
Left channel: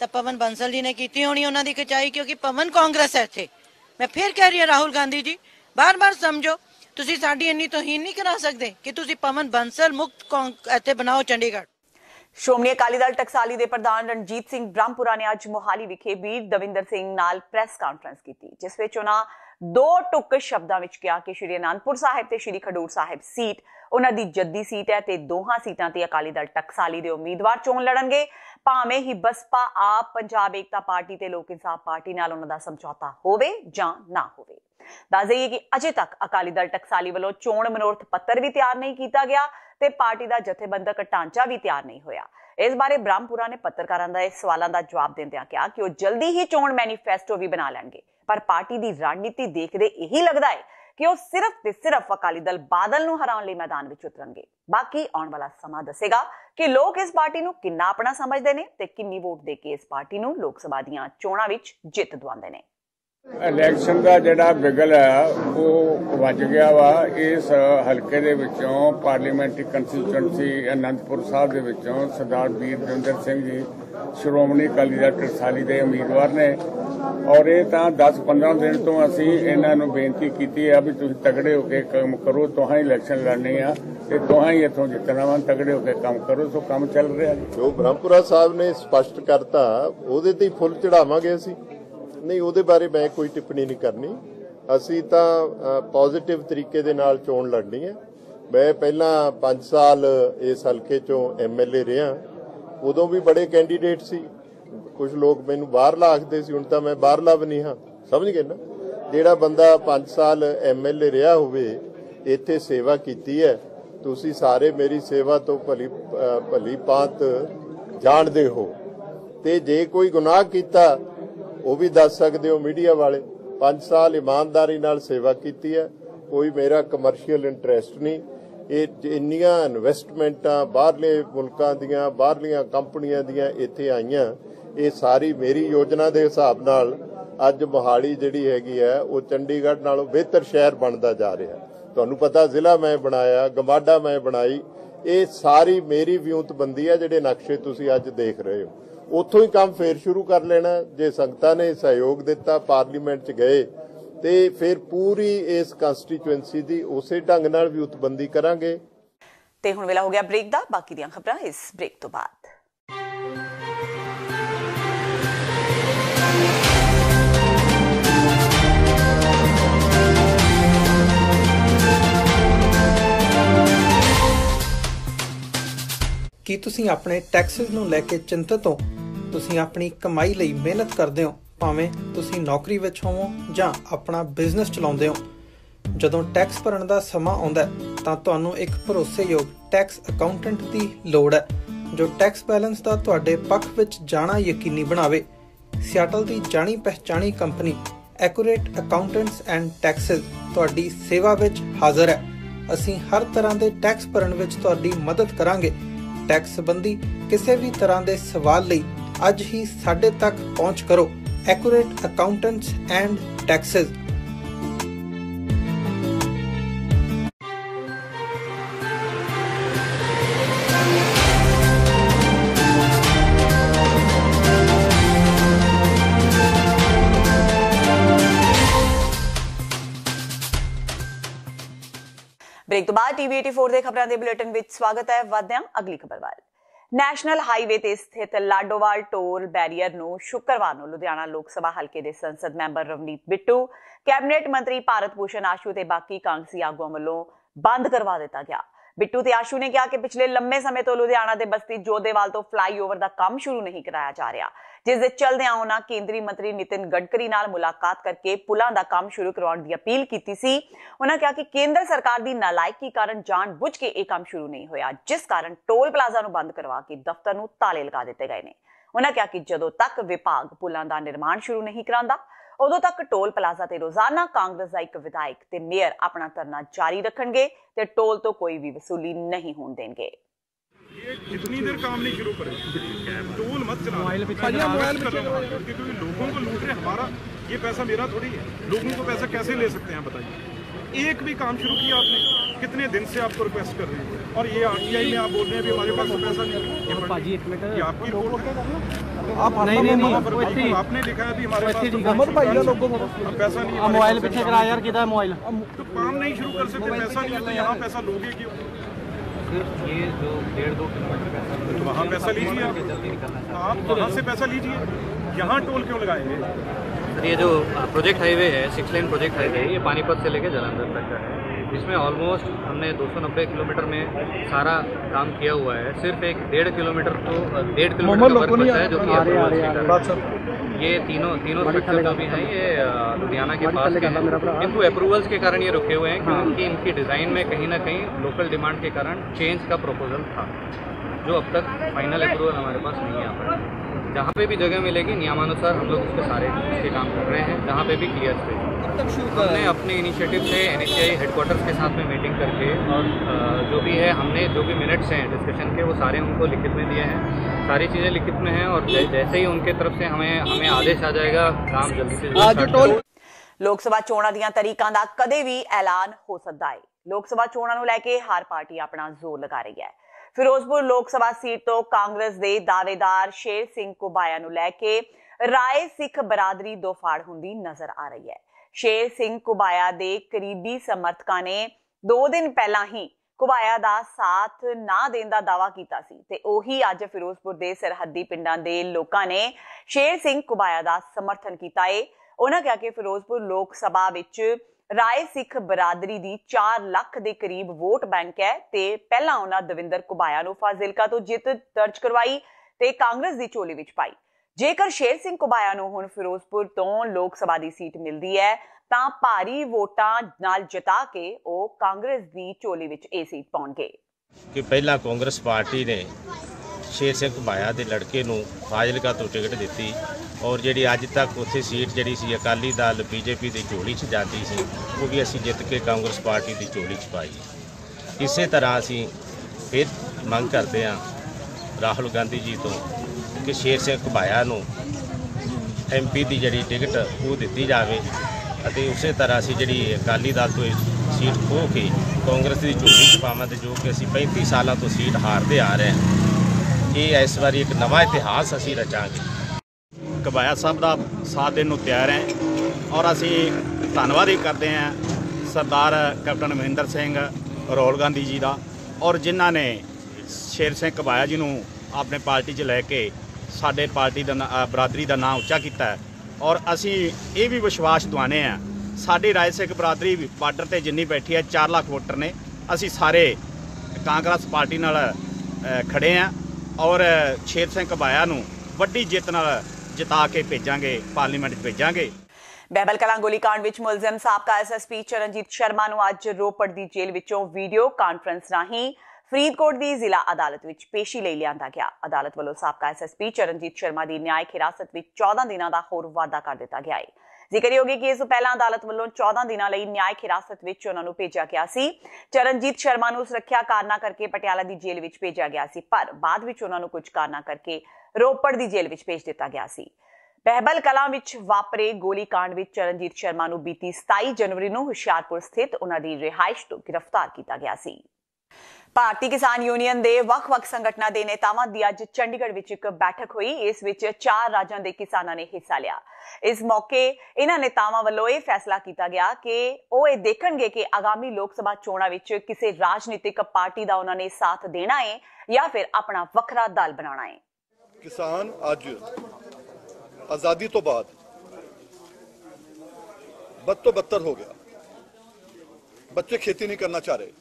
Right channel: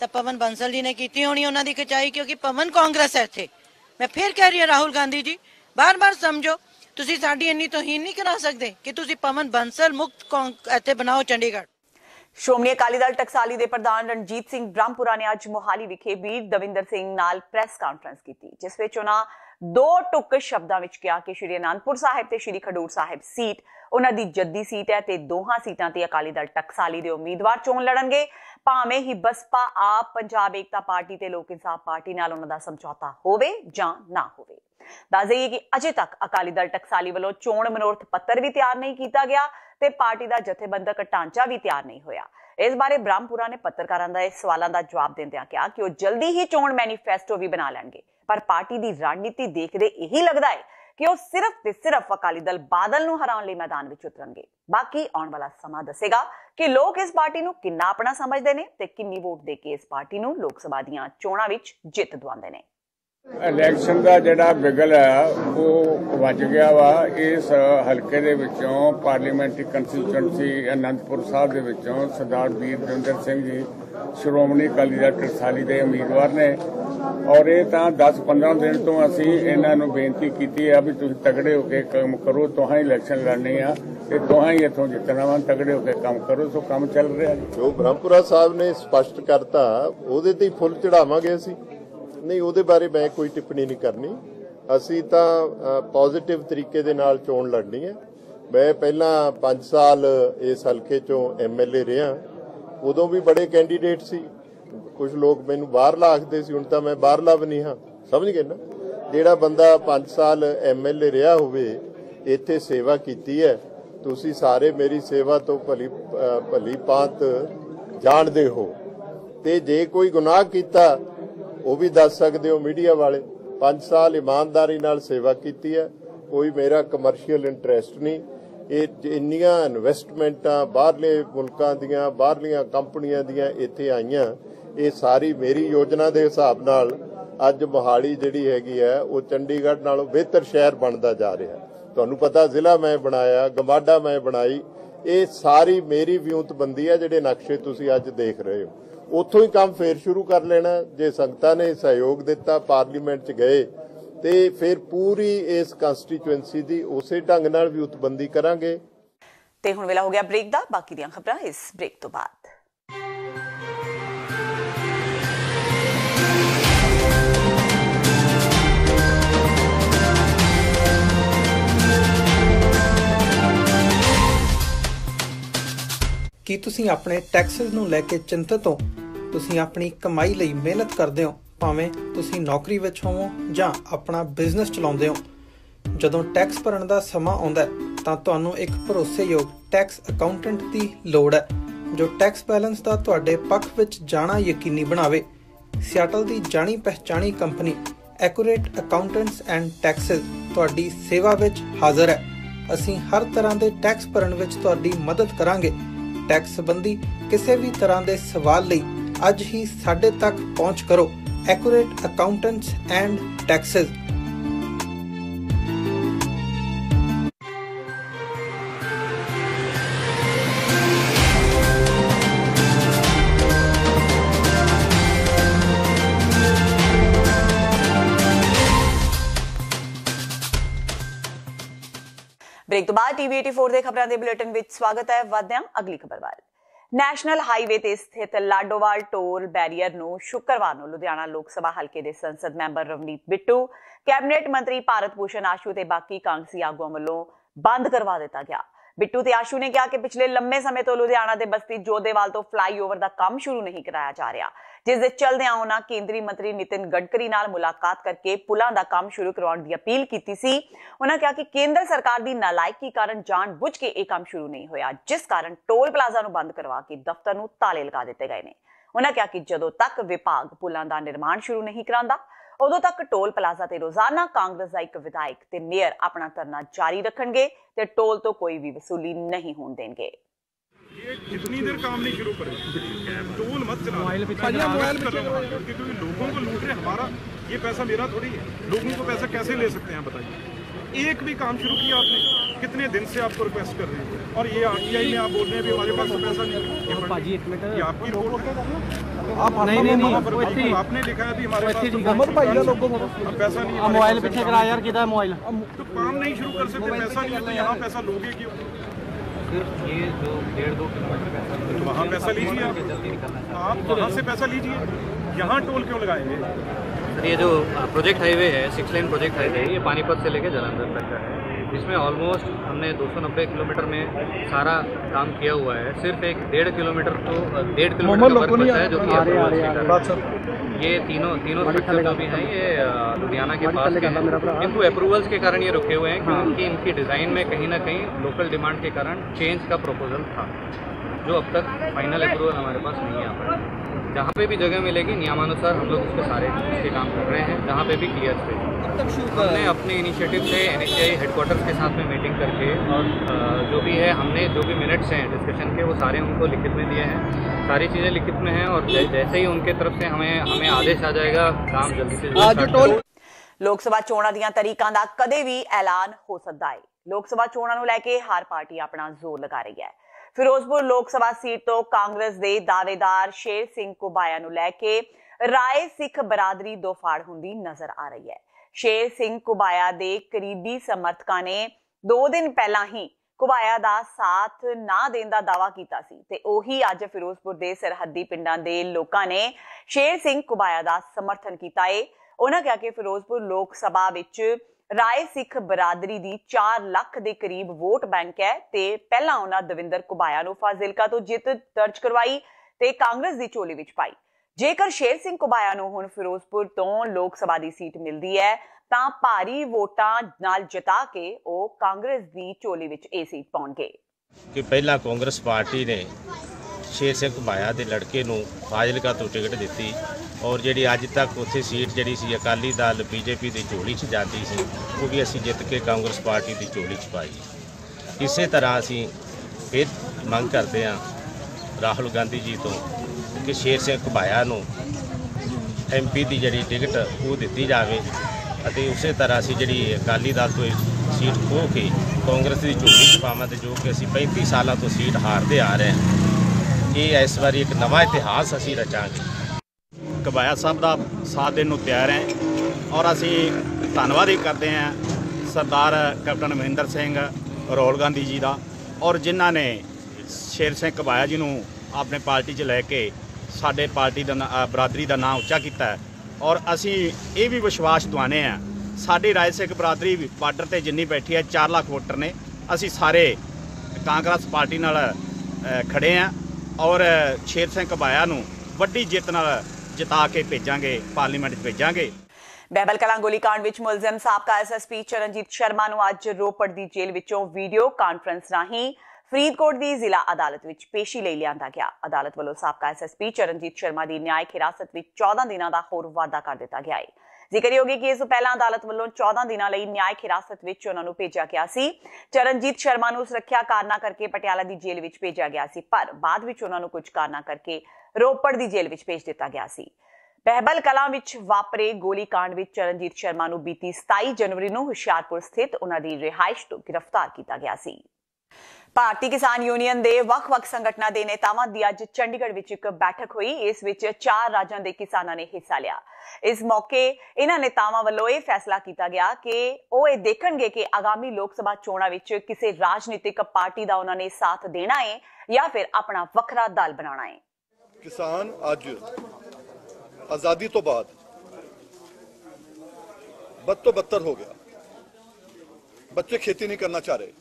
ਤਾਂ ਪਵਨ ਬੰਸਲ ਜੀ ਨੇ ਕੀਤੀ ਹੋਣੀ ਉਹਨਾਂ ਦੀ ਖਿਚਾਈ, ਕਿਉਂਕਿ ਪਵਨ ਕਾਂਗਰਸ ਹੈ ਇੱਥੇ। ਮੈਂ ਫਿਰ ਕਹਿ ਰਹੀ ਹਾਂ ਰਾਹੁਲ ਗਾਂਧੀ ਜੀ, ਬਾਰ-ਬਾਰ ਸਮਝੋ, ਤੁਸੀਂ ਸਾਡੀ ਇੰਨੀ ਤੋਹੀਨ ਨਹੀਂ ਕਰਾ ਸਕਦੇ ਕਿ ਤੁਸੀਂ ਪਵਨ ਬੰਸਲ ਮੁਕਤ ਇੱਥੇ ਬਣਾਓ ਚੰਡੀਗੜ੍ਹ। ਸ਼੍ਰੋਮਣੀ ਅਕਾਲੀ ਦਲ ਟਕਸਾਲੀ ਦੇ ਪ੍ਰਧਾਨ ਰਣਜੀਤ ਸਿੰਘ ਬ੍ਰਹਮਪੁਰਾ ਨੇ ਅੱਜ ਮੋਹਾਲੀ ਵਿਖੇ ਵੀਰ ਦਵਿੰਦਰ ਸਿੰਘ ਨਾਲ ਪ੍ਰੈਸ ਕਾਨਫਰੰਸ ਕੀਤੀ, ਜਿਸ ਵਿੱਚ ਉਹਨਾਂ ਦੋ ਟੁਕ ਸ਼ਬਦਾਂ ਵਿੱਚ ਕਿਹਾ ਕਿ ਸ਼੍ਰੀ ਅਨੰਦਪੁਰ ਸਾਹਿਬ ਤੇ ਸ਼੍ਰੀ ਖਡੂਰ ਸਾਹਿਬ ਸੀਟ ਉਹਨਾਂ ਦੀ ਜੱਦੀ ਸੀਟ ਹੈ ਤੇ ਦੋਹਾਂ ਸੀਟਾਂ ਤੇ ਅਕਾਲੀ ਦਲ ਟਕਸਾਲੀ ਦੇ ਉਮੀਦਵਾਰ ਚੋਣ ਲੜਨਗੇ। ਭਾਵੇਂ ਹੀ ਬਸਪਾ, ਆਪ, ਪੰਜਾਬ ਏਕਤਾ ਪਾਰਟੀ ਤੇ ਲੋਕ ਇਨਸਾਫ ਪਾਰਟੀ ਨਾਲ ਉਹਨਾਂ ਦਾ ਸਮਝੌਤਾ ਹੋਵੇ ਜਾਂ ਨਾ ਹੋਵੇ। ਦੱਸ ਦੇਈਏ ਕਿ ਅਜੇ ਤੱਕ ਅਕਾਲੀ ਦਲ ਟਕਸਾਲੀ ਵੱਲੋਂ ਚੋਣ ਮਨੋਰਥ ਪੱਤਰ ਵੀ ਤਿਆਰ ਨਹੀਂ ਕੀਤਾ ਗਿਆ ਤੇ ਪਾਰਟੀ ਦਾ ਜਥੇਬੰਦਕ ਢਾਂਚਾ ਵੀ ਤਿਆਰ ਨਹੀਂ ਹੋਇਆ। ਇਸ ਬਾਰੇ ਬ੍ਰਹਮਪੁਰਾ ਨੇ ਪੱਤਰਕਾਰਾਂ ਦੇ ਸਵਾਲਾਂ ਦਾ ਜਵਾਬ ਦਿੰਦਿਆਂ ਕਿਹਾ ਕਿ ਉਹ ਜਲਦੀ ਹੀ ਚੋਣ ਮੈਨੀਫੈਸਟੋ ਵੀ ਬਣਾ ਲੈਣਗੇ, ਪਰ ਪਾਰਟੀ ਦੀ ਰਣਨੀਤੀ ਦੇਖਦੇ ਇਹੀ ਲੱਗਦਾ ਹੈ ਕਿ ਉਹ ਸਿਰਫ ਤੇ ਸਿਰਫ ਅਕਾਲੀ ਦਲ ਬਾਦਲ ਨੂੰ ਹਰਾਉਣ ਲਈ ਮੈਦਾਨ ਵਿੱਚ ਉਤਰਨਗੇ। ਬਾਕੀ ਆਉਣ ਵਾਲਾ ਸਮਾਂ ਦੱਸੇਗਾ ਕਿ ਲੋਕ ਇਸ ਪਾਰਟੀ ਨੂੰ ਕਿੰਨਾ ਆਪਣਾ ਸਮਝਦੇ ਨੇ ਤੇ ਕਿੰਨੀ ਵੋਟ ਦੇ ਕੇ ਇਸ ਪਾਰਟੀ ਨੂੰ ਲੋਕ ਸਭਾ ਦੀਆਂ ਚੋਣਾਂ ਵਿੱਚ ਜਿੱਤ ਦਿਵਾਉਂਦੇ ਨੇ। ਇਲੈਕਸ਼ਨ ਦਾ ਜਿਹੜਾ ਬਿਗਲ ਹੈ ਉਹ ਵੱਜ ਗਿਆ ਵਾ। ਇਸ ਹਲਕੇ ਦੇ ਵਿੱਚੋਂ ਪਾਰਲੀਮੈਂਟਰੀ ਕੰਸਟੀਚੁਐਂਸੀ ਅਨੰਦਪੁਰ ਸਾਹਿਬ ਦੇ ਵਿੱਚੋਂ ਸਰਦਾਰ ਵੀਰ ਦਵਿੰਦਰ ਸਿੰਘ ਜੀ ਸ਼੍ਰੋਮਣੀ ਅਕਾਲੀ ਦਲ ਟਕਸਾਲੀ ਦੇ ਉਮੀਦਵਾਰ ਨੇ, ਔਰ ਇਹ ਤਾਂ 10-15 ਦਿਨ ਤੋਂ ਅਸੀਂ ਇਹਨਾਂ ਨੂੰ ਬੇਨਤੀ ਕੀਤੀ ਹੈ ਵੀ ਤੁਸੀਂ ਤਗੜੇ ਹੋ ਕੇ ਕੰਮ ਕਰੋ, ਤੁਹਾਂ ਹੀ ਇਲੈਕਸ਼ਨ ਲੜਨੀ ਆ ਤੇ ਤੁਹਾਂ ਹੀ ਇੱਥੋਂ ਜਿੱਤਣਾ ਵਾ, ਤਗੜੇ ਹੋ ਕੇ ਕੰਮ ਕਰੋ। ਸੋ ਕੰਮ ਚੱਲ ਰਿਹਾ। ਜੋ ਬ੍ਰਹਮਪੁਰਾ ਸਾਹਿਬ ਨੇ ਸਪਸ਼ਟ ਕਰਤਾ ਉਹਦੇ ਤੇ ਫੁੱਲ ਚੜਾਵਾਂਗੇ ਅਸੀਂ, ਨਹੀਂ ਉਹਦੇ ਬਾਰੇ ਮੈਂ ਕੋਈ ਟਿੱਪਣੀ ਨਹੀਂ ਕਰਨੀ। ਅਸੀਂ ਤਾਂ ਪੋਜ਼ਿਟਿਵ ਤਰੀਕੇ ਦੇ ਨਾਲ ਚੋਣ ਲੜਨੀ ਹੈ। ਮੈਂ ਪਹਿਲਾਂ 5 ਸਾਲ ਇਸ ਹਲਕੇ ਚੋਂ MLA ਰਿਹਾ, ਉਦੋਂ ਵੀ ਬੜੇ ਕੈਂਡੀਡੇਟ ਸੀ। ਕੁਝ ਲੋਕ ਮੈਨੂੰ ਬਾਹਰਲਾ ਆਖਦੇ ਸੀ, ਹੁਣ ਤਾਂ ਮੈਂ ਬਾਹਰਲਾ ਵੀ ਨਹੀਂ ਹਾਂ, ਸਮਝ ਗਏ ਨਾ। ਜਿਹੜਾ ਬੰਦਾ 5 ਸਾਲ MLA ਰਿਹਾ ਹੋਵੇ, ਇੱਥੇ ਸੇਵਾ ਕੀਤੀ ਹੈ, ਤੁਸੀਂ ਸਾਰੇ ਮੇਰੀ ਸੇਵਾ ਤੋਂ ਭਲੀ ਭਾਂਤ ਜਾਣਦੇ ਹੋ, ਤੇ ਜੇ ਕੋਈ ਗੁਨਾਹ ਕੀਤਾ ਉਹ ਵੀ ਦੱਸ ਸਕਦੇ ਹੋ ਮੀਡੀਆ ਵਾਲੇ। 5 ਸਾਲ ਇਮਾਨਦਾਰੀ ਨਾਲ ਸੇਵਾ ਕੀਤੀ ਹੈ, ਕੋਈ ਮੇਰਾ ਕਮਰਸ਼ੀਅਲ ਇੰਟਰਸਟ ਨਹੀਂ। ਇਹ ਇੰਨੀਆਂ ਇਨਵੈਸਟਮੈਂਟਾਂ ਬਾਹਰਲੇ ਮੁਲਕਾਂ ਦੀਆਂ, ਬਾਹਰਲੀਆਂ ਕੰਪਨੀਆਂ ਦੀਆਂ ਇੱਥੇ ਆਈਆਂ, ਇਹ ਸਾਰੀ ਮੇਰੀ ਯੋਜਨਾ ਦੇ ਹਿਸਾਬ ਨਾਲ ਅੱਜ ਮੋਹਾਲੀ ਜਿਹੜੀ ਹੈਗੀ ਹੈ ਉਹ ਚੰਡੀਗੜ੍ਹ ਨਾਲੋਂ ਬਿਹਤਰ ਸ਼ਹਿਰ ਬਣਦਾ ਜਾ ਰਿਹਾ। ਤੁਹਾਨੂੰ ਪਤਾ ਜ਼ਿਲ੍ਹਾ ਮੈਂ ਬਣਾਇਆ, ਗਮਾਡਾ ਮੈਂ ਬਣਾਈ, ਇਹ ਸਾਰੀ ਮੇਰੀ ਵਿਉਂਤਬੰਦੀ ਹੈ। ਜਿਹੜੇ ਨਕਸ਼ੇ ਤੁਸੀਂ ਅੱਜ ਦੇਖ ਰਹੇ ਹੋ, ਉੱਥੋਂ ਹੀ ਕੰਮ ਫੇਰ ਸ਼ੁਰੂ ਕਰ ਲੈਣਾ। ਜੇ ਸੰਗਤਾਂ ਨੇ ਸਹਿਯੋਗ ਦਿੱਤਾ, ਪਾਰਲੀਮੈਂਟ 'ਚ ਗਏ, ਤੇ ਫਿਰ ਪੂਰੀ ਇਸ ਕੰਸਟੀਚੁਐਂਸੀ ਦੀ ਉਸੇ ਢੰਗ ਨਾਲ ਵਿਉਂਤਬੰਦੀ ਕਰਾਂਗੇ। ਤੇ ਹੁਣ ਵੇਲਾ ਹੋ ਗਿਆ ਬ੍ਰੇਕ ਦਾ। ਬਾਕੀ ਦੀਆਂ ਖਬਰਾਂ ਇਸ ਬ੍ਰੇਕ ਤੋਂ ਬਾਅਦ। ਕੀ ਤੁਸੀਂ ਆਪਣੇ ਟੈਕਸਿਸ ਨੂੰ ਲੈ ਕੇ ਚਿੰਤਤ ਹੋ? ਤੁਸੀਂ ਆਪਣੀ ਕਮਾਈ ਲਈ ਮਿਹਨਤ ਕਰਦੇ ਹੋ, ਭਾਵੇਂ ਤੁਸੀਂ ਨੌਕਰੀ ਵਿੱਚ ਹੋਵੋ ਜਾਂ ਆਪਣਾ ਬਿਜ਼ਨਸ ਚਲਾਉਂਦੇ ਹੋ। ਜਦੋਂ ਟੈਕਸ ਭਰਨ ਦਾ ਸਮਾਂ ਆਉਂਦਾ ਤਾਂ ਤੁਹਾਨੂੰ ਇੱਕ ਭਰੋਸੇਯੋਗ ਟੈਕਸ ਅਕਾਊਂਟੈਂਟ ਦੀ ਲੋੜ ਹੈ, ਜੋ ਟੈਕਸ ਬੈਲੈਂਸ ਦਾ ਤੁਹਾਡੇ ਪੱਖ ਵਿੱਚ ਜਾਣਾ ਯਕੀਨੀ ਬਣਾਵੇ। ਸਿਆਟਲ ਦੀ ਜਾਣੀ ਪਹਿਚਾਣੀ company Accurate accountants and Taxes ਤੁਹਾਡੀ ਸੇਵਾ ਵਿੱਚ ਹਾਜ਼ਰ ਹੈ। ਅਸੀਂ ਹਰ ਤਰ੍ਹਾਂ ਦੇ ਟੈਕਸ ਭਰਨ ਵਿੱਚ ਤੁਹਾਡੀ ਮਦਦ ਕਰਾਂਗੇ। ਟੈਕਸ ਸੰਬੰਧੀ ਕਿਸੇ ਵੀ ਤਰ੍ਹਾਂ ਦੇ ਸਵਾਲ ਲਈ ਅੱਜ ਹੀ ਸਾਡੇ ਤੱਕ ਪਹੁੰਚ ਕਰੋ। Accurate accountants and taxes. Break तो बाद टीवी 84 ਦੇ ਖਬਰਾਂ ਦੇ ਬੁਲੇਟਿਨ ਵਿੱਚ ਸਵਾਗਤ ਹੈ। ਵਧਦੇ ਹਾਂ ਅਗਲੀ ਖਬਰ ਵੱਲ। ਨੈਸ਼ਨਲ ਹਾਈਵੇ ਤੇ ਸਥਿਤ ਲਾਡੋਵਾਲ ਟੋਲ ਬੈਰੀਅਰ ਨੂੰ ਸ਼ੁੱਕਰਵਾਰ ਨੂੰ ਲੁਧਿਆਣਾ ਲੋਕ ਸਭਾ ਹਲਕੇ ਦੇ ਸੰਸਦ ਮੈਂਬਰ ਰਵਨੀਤ ਬਿੱਟੂ, ਕੈਬਨਿਟ ਮੰਤਰੀ ਭਾਰਤ ਭੂਸ਼ਣ ਆਸ਼ੂ ਤੇ ਬਾਕੀ ਕਾਂਗਰਸੀ ਆਗੂਆਂ ਵੱਲੋਂ ਬੰਦ ਕਰਵਾ ਦਿੱਤਾ ਗਿਆ। ਬਿੱਟੂ ਤੇ ਆਸ਼ੂ ਨੇ ਕਿਹਾ ਕਿ ਪਿਛਲੇ ਲੰਮੇ ਸਮੇਂ ਤੋਂ ਲੁਧਿਆਣਾ ਦੇ ਬਸਤੀ ਜੋਧੇਵਾਲ ਤੋਂ ਫਲਾਈਓਵਰ ਦਾ ਕੰਮ ਸ਼ੁਰੂ ਨਹੀਂ ਕਰਾਇਆ ਜਾ ਰਿਹਾ, ਜਿਸ ਦੇ ਚਲਦਿਆਂ ਉਹਨਾਂ ਕੇਂਦਰੀ ਮੰਤਰੀ ਨਿਤਿਨ ਗਡਕਰੀ ਨਾਲ ਮੁਲਾਕਾਤ ਕਰਕੇ ਪੁਲਾਂ ਦਾ ਕੰਮ ਸ਼ੁਰੂ ਕਰਵਾਉਣ ਦੀ ਅਪੀਲ ਕੀਤੀ ਸੀ। ਉਹਨਾਂ ਕਿਹਾ ਕਿ ਕੇਂਦਰ ਸਰਕਾਰ ਦੀ ਨਾਲਾਇਕੀ ਕਾਰਨ ਜਾਣਬੁੱਝ ਕੇ ਇਹ ਕੰਮ ਸ਼ੁਰੂ ਨਹੀਂ ਹੋਇਆ, ਜਿਸ ਕਾਰਨ ਟੋਲ ਪਲਾਜ਼ਾ ਨੂੰ ਬੰਦ ਕਰਵਾ ਕੇ ਦਫ਼ਤਰ ਨੂੰ ਤਾਲੇ ਲਗਾ ਦਿੱਤੇ ਗਏ ਨੇ। ਉਹਨਾਂ ਕਿਹਾ ਕਿ ਜਦੋਂ ਤੱਕ ਵਿਭਾਗ ਪੁਲਾਂ ਦਾ ਨਿਰਮਾਣ ਸ਼ੁਰੂ ਨਹੀਂ ਕਰਾਂਦਾ, ਉਦੋਂ ਤੱਕ ਟੋਲ ਪਲਾਜ਼ਾ ਤੇ ਰੋਜ਼ਾਨਾ ਕਾਂਗਰਸ ਦਾ ਇੱਕ ਵਿਧਾਇਕ ਤੇ ਮੇਅਰ ਆਪਣਾ ਧਰਨਾ ਜਾਰੀ ਰੱਖਣਗੇ ਤੇ ਟੋਲ ਤੋਂ ਕੋਈ ਵੀ ਵਸੂਲੀ नहीं होने देंगे। ये जितनी देर काम नहीं शुरू करें, टोल मत चलाओ, लोगों को लूट रहे। हमारा ये पैसा मेरा थोड़ी है, लोगों को पैसा कैसे ले सकते हैं बताइए। एक भी काम शुरू किया आपने, कितने दिन से आपको रिक्वेस्ट कर रहे हैं, और ये RTI में आप बोल रहे हैं अभी हमारे पास पैसा नहीं है। ये आपकी रोड है, नहीं आपने लिखा है अभी हमारे पास पैसा नहीं है। मोबाइल पीछे करा यार, किधर मोबाइल, तो काम नहीं शुरू कर सकते, पैसा नहीं है, तो यहाँ पैसा लोगे क्यों? ये जो 1.5-2 किलोमीटर तो वहाँ पैसा लीजिए, आप वहाँ से पैसा लीजिए, यहाँ टोल क्यों लगाएंगे? सर ये जो प्रोजेक्ट हाईवे है, 6 लेन प्रोजेक्ट हाईवे, ये पानीपत से लेके जालंधर तक का है। इसमें ऑलमोस्ट हमने 290 किलोमीटर में सारा काम किया हुआ है। सिर्फ एक 1.5 किलोमीटर का वर्क बचा है, जो कि ये तीनों स्ट्रक्चर जो भी हैं ये लुधियाना के पास के हैं, किंतु अप्रूवल्स के कारण ये रुके हुए हैं, क्योंकि इनकी डिज़ाइन में कहीं ना कहीं लोकल डिमांड के कारण चेंज का प्रपोजल था, जो अब तक फाइनल अप्रूवल हमारे पास नहीं आ पाया। जहाँ पे भी जगह मिलेगी नियमानुसार हम लोग उसके सारे इसके काम कर रहे हैं, जहाँ पे भी क्लियर स्पेस। हमने अपने इनिशिएटिव से NHAI हेडक्वार्टर्स के साथ में मीटिंग करके, और जो भी है हमने जो भी मिनट्स हैं डिस्कशन के वो सारे उनको लिखित में दिए हैं, सारी चीज़ें लिखित में हैं, और जैसे ही उनके तरफ से हमें आदेश आ जाएगा काम जल्दी से जल्दी। ਲੋਕ ਸਭਾ ਚੋਣਾਂ ਦੀਆਂ ਤਾਰੀਖਾਂ ਦਾ ਕਦੇ ਵੀ ਐਲਾਨ ਹੋ ਸਕਦਾ ਹੈ। ਲੋਕ ਸਭਾ ਚੋਣਾਂ ਨੂੰ ਲੈ ਕੇ ਹਰ ਪਾਰਟੀ ਆਪਣਾ ਜ਼ੋਰ ਲਗਾ ਰਹੀ ਹੈ। ਫਿਰੋਜ਼ਪੁਰ ਲੋਕ ਸਭਾ ਸੀਟ ਤੋਂ ਕਾਂਗਰਸ ਦੇ ਦਾਅਵੇਦਾਰ ਸ਼ੇਰ ਸਿੰਘ ਘੁਬਾਇਆ ਨੂੰ ਲੈ ਕੇ ਰਾਏ ਸਿੱਖ ਬਰਾਦਰੀ ਦੋ ਫਾੜ ਹੁੰਦੀ ਨਜ਼ਰ ਆ ਰਹੀ ਹੈ। ਸ਼ੇਰ ਸਿੰਘ ਘੁਬਾਇਆ ਦੇ ਕਰੀਬੀ ਸਮਰਥਕਾਂ ਨੇ 2 ਦਿਨ ਪਹਿਲਾਂ ਹੀ ਘੁਬਾਇਆ ਦਾ ਸਾਥ ਨਾ ਦੇਣ ਦਾ ਦਾਅਵਾ ਕੀਤਾ ਸੀ ਤੇ ਉਹੀ ਅੱਜ ਫਿਰੋਜ਼ਪੁਰ ਦੇ ਸਰਹੱਦੀ ਪਿੰਡਾਂ ਦੇ ਲੋਕਾਂ ਨੇ ਸ਼ੇਰ ਸਿੰਘ ਘੁਬਾਇਆ ਦਾ ਸਮਰਥਨ ਕੀਤਾ ਹੈ। ਉਹਨਾਂ ਕਿਹਾ ਕਿ ਫਿਰੋਜ਼ਪੁਰ ਲੋਕ ਸਭਾ ਵਿੱਚ ਰਾਏ ਸਿੱਖ ਬਰਾਦਰੀ ਦੀ 4 ਲੱਖ ਦੇ ਕਰੀਬ ਵੋਟ ਬੈਂਕ ਹੈ ਤੇ ਪਹਿਲਾਂ ਉਹਨਾਂ ਦਵਿੰਦਰ ਘੁਬਾਇਆ ਨੂੰ ਫਾਜ਼ਿਲਕਾ ਤੋਂ ਜਿੱਤ ਦਰਜ ਕਰਵਾਈ ਤੇ ਕਾਂਗਰਸ ਦੀ ਝੋਲੀ ਵਿੱਚ ਪਾਈ। ਜੇਕਰ ਸ਼ੇਰ ਸਿੰਘ ਘੁਬਾਇਆ ਨੂੰ ਹੁਣ ਫਿਰੋਜ਼ਪੁਰ ਤੋਂ ਲੋਕ ਸਭਾ ਦੀ ਸੀਟ ਮਿਲਦੀ ਹੈ ਤਾਂ ਭਾਰੀ ਵੋਟਾਂ ਨਾਲ ਜਿਤਾ ਕੇ ਉਹ ਕਾਂਗਰਸ ਦੀ ਝੋਲੀ ਵਿੱਚ ਇਹ ਸੀਟ ਪਾਉਣਗੇ। ਕਿ ਪਹਿਲਾਂ ਕਾਂਗਰਸ ਪਾਰਟੀ ਨੇ ਸ਼ੇਰ ਸਿੰਘ ਘੁਬਾਇਆ ਦੇ ਲੜਕੇ ਨੂੰ ਫਾਜ਼ਿਲਕਾ ਤੋਂ ਟਿਕਟ ਦਿੱਤੀ, ਔਰ ਜਿਹੜੀ ਅੱਜ ਤੱਕ ਉੱਥੇ ਸੀਟ ਜਿਹੜੀ ਸੀ ਅਕਾਲੀ ਦਲ BJP ਦੀ ਝੋਲੀ 'ਚ ਜਾਂਦੀ ਸੀ, ਉਹ ਵੀ ਅਸੀਂ ਜਿੱਤ ਕੇ ਕਾਂਗਰਸ ਪਾਰਟੀ ਦੀ ਝੋਲੀ 'ਚ ਪਾਈ। ਇਸੇ ਤਰ੍ਹਾਂ ਅਸੀਂ ਫਿਰ ਮੰਗ ਕਰਦੇ ਹਾਂ ਰਾਹੁਲ ਗਾਂਧੀ ਜੀ ਤੋਂ ਕਿ ਸ਼ੇਰ ਸਿੰਘ ਘੁਬਾਇਆ ਨੂੰ MP ਦੀ ਜਿਹੜੀ ਟਿਕਟ ਉਹ ਦਿੱਤੀ ਜਾਵੇ, ਅਤੇ ਉਸੇ ਤਰ੍ਹਾਂ ਅਸੀਂ ਜਿਹੜੀ ਅਕਾਲੀ ਦਲ ਤੋਂ ਸੀਟ ਖੋਹ ਕੇ ਕਾਂਗਰਸ ਦੀ ਝੋਲੀ 'ਚ ਪਾਵਾਂਗੇ, ਜੋ ਕਿ ਅਸੀਂ 35 ਸਾਲਾਂ ਤੋਂ ਸੀਟ ਹਾਰਦੇ ਆ ਰਹੇ ਹਾਂ। ਇਹ ਇਸ ਵਾਰੀ ਇੱਕ ਨਵਾਂ ਇਤਿਹਾਸ ਅਸੀਂ ਰਚਾਂਗੇ। ਘੁਬਾਇਆ ਸਾਹਿਬ ਦਾ ਸਾਥ ਦੇਣ ਨੂੰ ਤਿਆਰ ਹੈ, ਔਰ ਅਸੀਂ ਧੰਨਵਾਦ ਹੀ ਕਰਦੇ ਹਾਂ ਸਰਦਾਰ ਕੈਪਟਨ ਅਮਰਿੰਦਰ ਸਿੰਘ, ਰਾਹੁਲ ਗਾਂਧੀ ਜੀ ਦਾ, ਔਰ ਜਿਨ੍ਹਾਂ ਨੇ ਸ਼ੇਰ ਸਿੰਘ ਘੁਬਾਇਆ ਜੀ ਨੂੰ ਆਪਣੇ ਪਾਰਟੀ 'ਚ ਲੈ ਕੇ ਸਾਡੇ ਪਾਰਟੀ ਦਾ ਬਰਾਦਰੀ ਦਾ ਨਾਂ ਉੱਚਾ ਕੀਤਾ। ਔਰ ਅਸੀਂ ਇਹ ਵੀ ਵਿਸ਼ਵਾਸ ਦਿਵਾਉਂਦੇ ਹਾਂ ਸਾਡੀ ਰਾਏ ਸਿੱਖ ਬਰਾਦਰੀ ਬਾਰਡਰ 'ਤੇ ਜਿੰਨੀ ਬੈਠੀ ਹੈ 4 ਲੱਖ ਵੋਟਰ ਨੇ, ਅਸੀਂ ਸਾਰੇ ਕਾਂਗਰਸ ਪਾਰਟੀ ਨਾਲ ਖੜੇ ਹਾਂ, ਔਰ ਸ਼ੇਰ ਸਿੰਘ ਘੁਬਾਇਆ ਨੂੰ ਵੱਡੀ ਜਿੱਤ ਨਾਲ ਜਿਤਾ ਕੇ ਭੇਜਾਂਗੇ, ਪਾਰਲੀਮੈਂਟ 'ਚ ਭੇਜਾਂਗੇ। ਬਹਿਬਲ ਕਲਾਂ ਗੋਲੀकांड ਵਿੱਚ ਮੁਲਜ਼ਮ ਸਾਬਕਾ SSP ਚਰਨਜੀਤ ਸ਼ਰਮਾ ਨੂੰ ਅੱਜ ਰੋਪੜ ਦੀ ਜੇਲ੍ਹ ਵਿੱਚੋਂ ਵੀਡੀਓ ਕਾਨਫਰੰਸ ਰਾਹੀਂ ਫਰੀਦਕੋਟ ਦੀ ਜ਼ਿਲ੍ਹਾ ਅਦਾਲਤ ਵਿੱਚ ਪੇਸ਼ੀ ਲਈ ਲਿਆਂਦਾ ਗਿਆ। ਅਦਾਲਤ ਵੱਲੋਂ ਸਾਬਕਾ SSP ਚਰਨਜੀਤ ਸ਼ਰਮਾ ਦੀ ਨਿਆਇਕ ਹਿਰਾਸਤ ਵਿੱਚ 14 ਦਿਨਾਂ ਦਾ ਹੋਰ ਵਾਧਾ ਕਰ ਦਿੱਤਾ ਗਿਆ ਹੈ। ਜ਼ਿਕਰਯੋਗ ਹੈ ਕਿ ਇਸ ਤੋਂ ਪਹਿਲਾਂ ਅਦਾਲਤ ਵੱਲੋਂ 14 ਦਿਨਾਂ ਲਈ ਨਿਆਇਕ ਹਿਰਾਸਤ ਵਿੱਚ ਉਹਨਾਂ ਨੂੰ ਭੇਜਿਆ ਗਿਆ ਸੀ। ਚਰਨਜੀਤ ਸ਼ਰਮਾ ਨੂੰ ਸੁਰੱਖਿਆ ਕਾਰਨਾਂ ਕਰਕੇ ਪਟਿਆਲਾ ਦੀ ਜੇਲ੍ਹ ਵਿੱਚ ਭੇਜਿਆ ਗਿਆ ਸੀ, ਪਰ ਬਾਅਦ ਵਿੱਚ ਉਹਨਾਂ ਨੂੰ ਕੁਝ ਕਾਰਨਾਂ ਕਰਕੇ ਰੋਪੜ ਦੀ ਜੇਲ੍ਹ ਵਿੱਚ ਭੇਜ ਦਿੱਤਾ ਗਿਆ ਸੀ। ਬਹਿਬਲ ਕਲਾਂ ਵਿੱਚ ਵਾਪਰੇ ਗੋਲੀकांड ਵਿੱਚ ਚਰਨਜੀਤ ਸ਼ਰਮਾ ਨੂੰ ਬੀਤੀ 27 ਜਨਵਰੀ ਨੂੰ ਹੁਸ਼ਿਆਰਪੁਰ ਸਥਿਤ ਉਹਨਾਂ ਦੀ ਰਿਹਾਇਸ਼ ਤੋਂ ਗ੍ਰਿਫਤਾਰ ਕੀਤਾ ਗਿਆ ਸੀ। ਭਾਰਤੀ ਕਿਸਾਨ ਯੂਨੀਅਨ ਦੇ ਵੱਖ-ਵੱਖ ਸੰਗਠਨਾਂ ਦੇ ਨੇਤਾਵਾਂ ਦੀ ਅੱਜ ਚੰਡੀਗੜ੍ਹ ਵਿੱਚ ਇੱਕ ਬੈਠਕ ਹੋਈ। ਇਸ ਵਿੱਚ 4 ਰਾਜਾਂ ਦੇ ਕਿਸਾਨਾਂ ਨੇ ਹਿੱਸਾ ਲਿਆ। ਇਸ ਮੌਕੇ ਇਹਨਾਂ ਨੇਤਾਵਾਂ ਵੱਲੋਂ ਇਹ ਫੈਸਲਾ ਕੀਤਾ ਗਿਆ ਕਿ ਉਹ ਇਹ ਦੇਖਣਗੇ ਕਿ ਆਗਾਮੀ ਲੋਕ ਸਭਾ ਚੋਣਾਂ ਵਿੱਚ ਕਿਸੇ ਰਾਜਨੀਤਿਕ ਪਾਰਟੀ ਦਾ ਉਹਨਾਂ ਨੇ ਸਾਥ ਦੇਣਾ ਹੈ ਜਾਂ ਫਿਰ ਆਪਣਾ ਵੱਖਰਾ ਦਲ ਬਣਾਉਣਾ ਹੈ। ਕਿਸਾਨ ਅੱਜ ਆਜ਼ਾਦੀ ਤੋਂ ਬਾਅਦ बद तो बदतर हो गया। बच्चे खेती नहीं करना चाह रहे,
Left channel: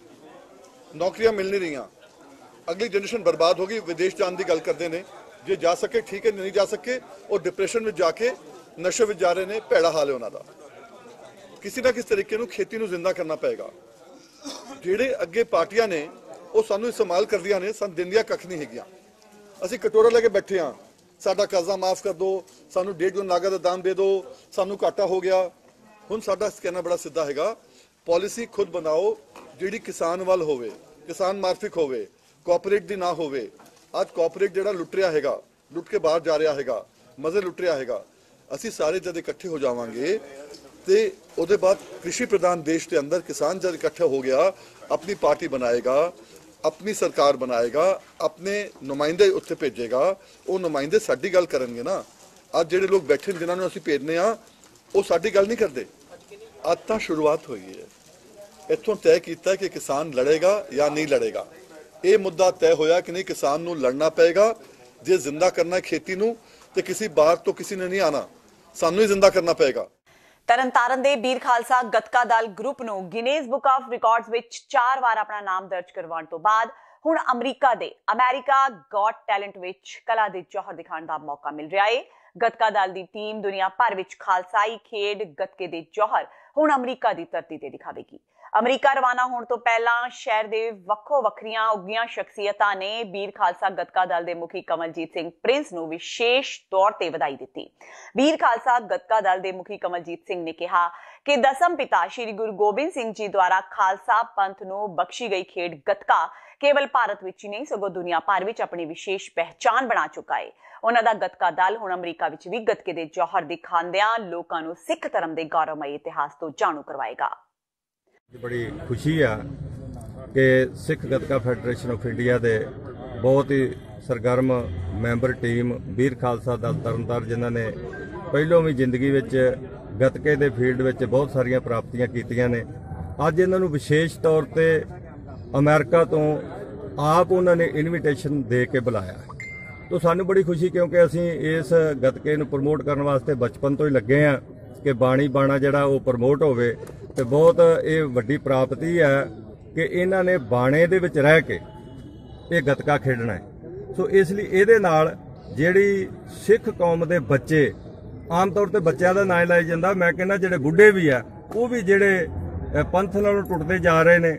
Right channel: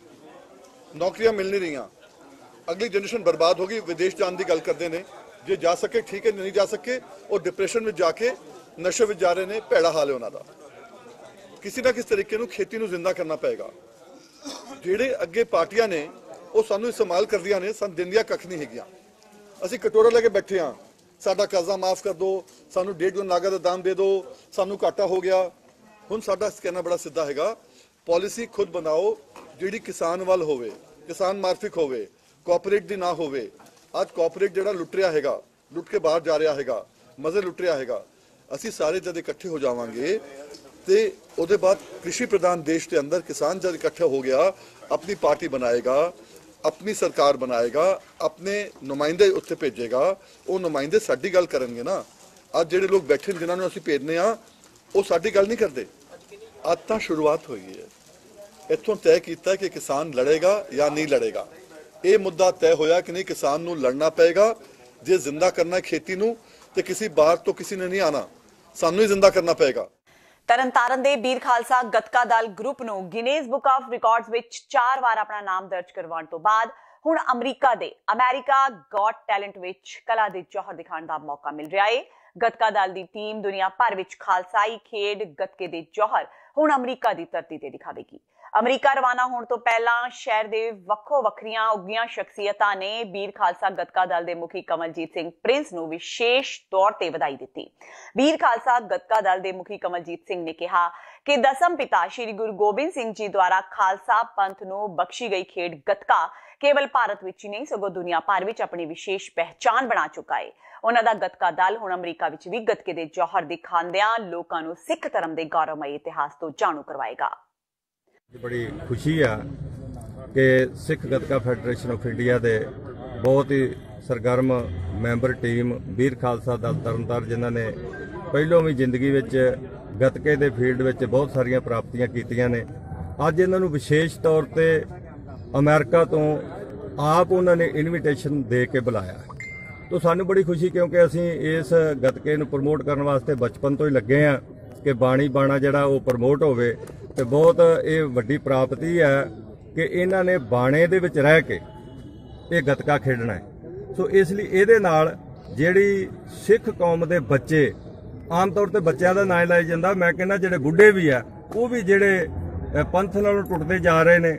नौकरियां मिल नहीं रही, अगली जनरेशन बर्बाद होगी। विदेश जाने की गल करते हैं, जे जा सके ठीक है, नहीं जा सके और डिप्रेशन में जाके नशे में जा रहे हैं। भैड़ा हाल है उन्होंने। किसी ना किसी तरीके नूं खेती नूं जिंदा करना पेगा। ਜਿਹੜੇ ਅੱਗੇ ਪਾਰਟੀਆਂ ਨੇ ਉਹ ਸਾਨੂੰ ਇਸਤੇਮਾਲ ਕਰਦੀਆਂ ਨੇ, ਸਾਨੂੰ ਦਿੰਦੀਆਂ ਕੱਖ ਨਹੀਂ ਹੈਗੀਆਂ। ਅਸੀਂ ਕਟੋਰਾ ਲੈ ਕੇ ਬੈਠੇ ਹਾਂ, ਸਾਡਾ ਕਰਜ਼ਾ ਮਾਫ ਕਰ ਦਿਓ, ਸਾਨੂੰ 1.5 ਗੁਣ ਨਾਗਾ ਦਾ ਦਾਮ ਦੇ ਦਿਓ, ਸਾਨੂੰ ਘਾਟਾ ਹੋ ਗਿਆ। ਹੁਣ ਸਾਡਾ ਕਹਿਣਾ ਬੜਾ ਸਿੱਧਾ ਹੈਗਾ, ਪਾਲਿਸੀ ਖੁਦ ਬਣਾਓ ਜਿਹੜੀ ਕਿਸਾਨ ਵੱਲ ਹੋਵੇ, ਕਿਸਾਨ ਮਾਰਫਿਕ ਹੋਵੇ, ਕੋਆਪਰੇਟ ਦੀ ਨਾ ਹੋਵੇ। ਅੱਜ ਕੋਆਪਰੇਟ ਜਿਹੜਾ ਲੁੱਟ ਰਿਹਾ ਹੈਗਾ, ਲੁੱਟ ਕੇ ਬਾਹਰ ਜਾ ਰਿਹਾ ਹੈਗਾ, ਮਜ਼ੇ ਲੁੱਟ ਰਿਹਾ ਹੈਗਾ। ਅਸੀਂ ਸਾਰੇ ਜਦ ਇਕੱਠੇ ਹੋ ਜਾਵਾਂਗੇ ਤੇ ਉਹਦੇ ਬਾਅਦ कृषि प्रधान देश के अंदर किसान जब इकट्ठा हो गया, अपनी पार्टी बनाएगा, अपनी सरकार बनाएगा, अपने नुमाइंदे उत्थे भेजेगा, वो नुमाइंदे साडी गल करनगे ना। आज जिहड़े लोग बैठे जिन्होंने असीं भेजने आ वो साडी गल नहीं करते। आज तो शुरुआत हुई है, इत्थों तय किया कि किसान लड़ेगा या नहीं लड़ेगा। ये मुद्दा तय होया कि नहीं, किसान नूं लड़ना पेगा। जे जिंदा करना खेती नूं ते किसी बाहर तो किसी ने नहीं आना, सानू ही जिंदा करना पेगा। ਤਰਨਤਾਰਨ ਦੇ ਵੀਰ ਖਾਲਸਾ ਗੱਤਕਾ ਦਲ ਗਰੁੱਪ ਨੂੰ ਗਿਨੀਜ਼ ਬੁੱਕ ਆਫ ਰਿਕਾਰਡਸ ਵਿੱਚ 4 ਵਾਰ ਆਪਣਾ ਨਾਮ ਦਰਜ ਕਰਵਾਉਣ ਤੋਂ ਬਾਅਦ ਹੁਣ ਅਮਰੀਕਾ ਗॉट ਟੈਲੈਂਟ ਵਿੱਚ ਕਲਾ ਦੇ ਜੌਹਰ ਦਿਖਾਉਣ ਦਾ ਮੌਕਾ ਮਿਲ ਰਿਹਾ ਹੈ। ਗੱਤਕਾ ਦਲ ਦੀ ਟੀਮ ਦੁਨੀਆ ਭਰ ਵਿੱਚ ਖਾਲਸਾਈ ਖੇਡ ਗੱਤਕੇ ਦੇ ਜੌਹਰ ਹੁਣ ਅਮਰੀਕਾ ਦੀ ਧਰਤੀ ਤੇ ਦਿਖਾਵੇਗੀ। ਅਮਰੀਕਾ ਰਵਾਨਾ ਹੋਣ ਤੋਂ ਪਹਿਲਾਂ ਸ਼ਹਿਰ ਦੇ ਵੱਖੋ ਵੱਖਰੀਆਂ ਉੱਗੀਆਂ ਸ਼ਖਸੀਅਤਾਂ ਨੇ ਵੀਰ ਖਾਲਸਾ ਗੱਤਕਾ ਦਲ ਦੇ ਮੁਖੀ ਕਮਲਜੀਤ ਸਿੰਘ ਪ੍ਰਿੰਸ ਨੂੰ ਵਿਸ਼ੇਸ਼ ਤੌਰ ਤੇ ਵਧਾਈ ਦਿੱਤੀ। ਵੀਰ ਖਾਲਸਾ ਗੱਤਕਾ ਦਲ ਦੇ ਮੁਖੀ ਕਮਲਜੀਤ ਸਿੰਘ ਨੇ ਕਿਹਾ ਕਿ ਦਸਮ ਪਿਤਾ ਸ਼੍ਰੀ ਗੁਰੂ ਗੋਬਿੰਦ ਸਿੰਘ ਜੀ ਦੁਆਰਾ ਖਾਲਸਾ ਪੰਥ ਨੂੰ ਬਖਸ਼ੀ ਗਈ ਖੇਡ ਗੱਤਕਾ ਕੇਵਲ ਭਾਰਤ ਵਿੱਚ ਹੀ ਨਹੀਂ ਸਗੋਂ ਦੁਨੀਆ ਭਰ ਵਿੱਚ ਆਪਣੀ ਵਿਸ਼ੇਸ਼ ਪਹਿਚਾਣ ਬਣਾ ਚੁੱਕਾ ਹੈ। ਉਹਨਾਂ ਦਾ ਗੱਤਕਾ ਦਲ ਹੁਣ ਅਮਰੀਕਾ ਵਿੱਚ ਵੀ ਗੱਤਕੇ ਦੇ ਜੌਹਰ ਦਿਖਾਉਂਦਿਆਂ ਲੋਕਾਂ ਨੂੰ ਸਿੱਖ ਧਰਮ ਦੇ ਗੌਰਵਮਈ ਇਤਿਹਾਸ ਤੋਂ ਜਾਣੂ ਕਰਵਾਏਗਾ। ਬੜੀ ਖੁਸ਼ੀ ਆ ਕਿ ਸਿੱਖ ਗੱਤਕਾ ਫੈਡਰੇਸ਼ਨ ਆਫ ਇੰਡੀਆ ਦੇ ਬਹੁਤ ਹੀ ਸਰਗਰਮ ਮੈਂਬਰ ਟੀਮ ਵੀਰ ਖਾਲਸਾ ਦਲ ਤਰਨਤਾਰਨ, ਜਿਨ੍ਹਾਂ ਨੇ ਪਹਿਲੋਂ ਵੀ ਜ਼ਿੰਦਗੀ ਵਿੱਚ ਗੱਤਕੇ ਦੇ ਫੀਲਡ ਵਿੱਚ ਬਹੁਤ ਸਾਰੀਆਂ ਪ੍ਰਾਪਤੀਆਂ ਕੀਤੀਆਂ ਨੇ, ਅੱਜ ਇਹਨਾਂ ਨੂੰ ਵਿਸ਼ੇਸ਼ ਤੌਰ ਤੇ ਅਮਰੀਕਾ ਤੋਂ ਆਪ ਉਹਨਾਂ ਨੇ ਇਨਵੀਟੇਸ਼ਨ ਦੇ ਕੇ ਬੁਲਾਇਆ। तो सानू बड़ी खुशी, क्योंकि असीं इस गतके नूं प्रमोट करने वास्ते बचपन तो ही लगे हाँ कि बाणी बाणा जिहड़ा वो प्रमोट होवे। ते बहुत ये वड्डी प्राप्ति है कि इन्हां ने बाणे दे विच रह के ये गतका खेडना है। सो इसलिए इहदे नाल जिहड़ी सिख कौम दे बच्चे, आम तौर ते बच्चों का नाम लाया जाता, मैं कहना जिहड़े बुढ़े भी है वो भी जिहड़े पंथ नालों टुटदे जा रहे ने,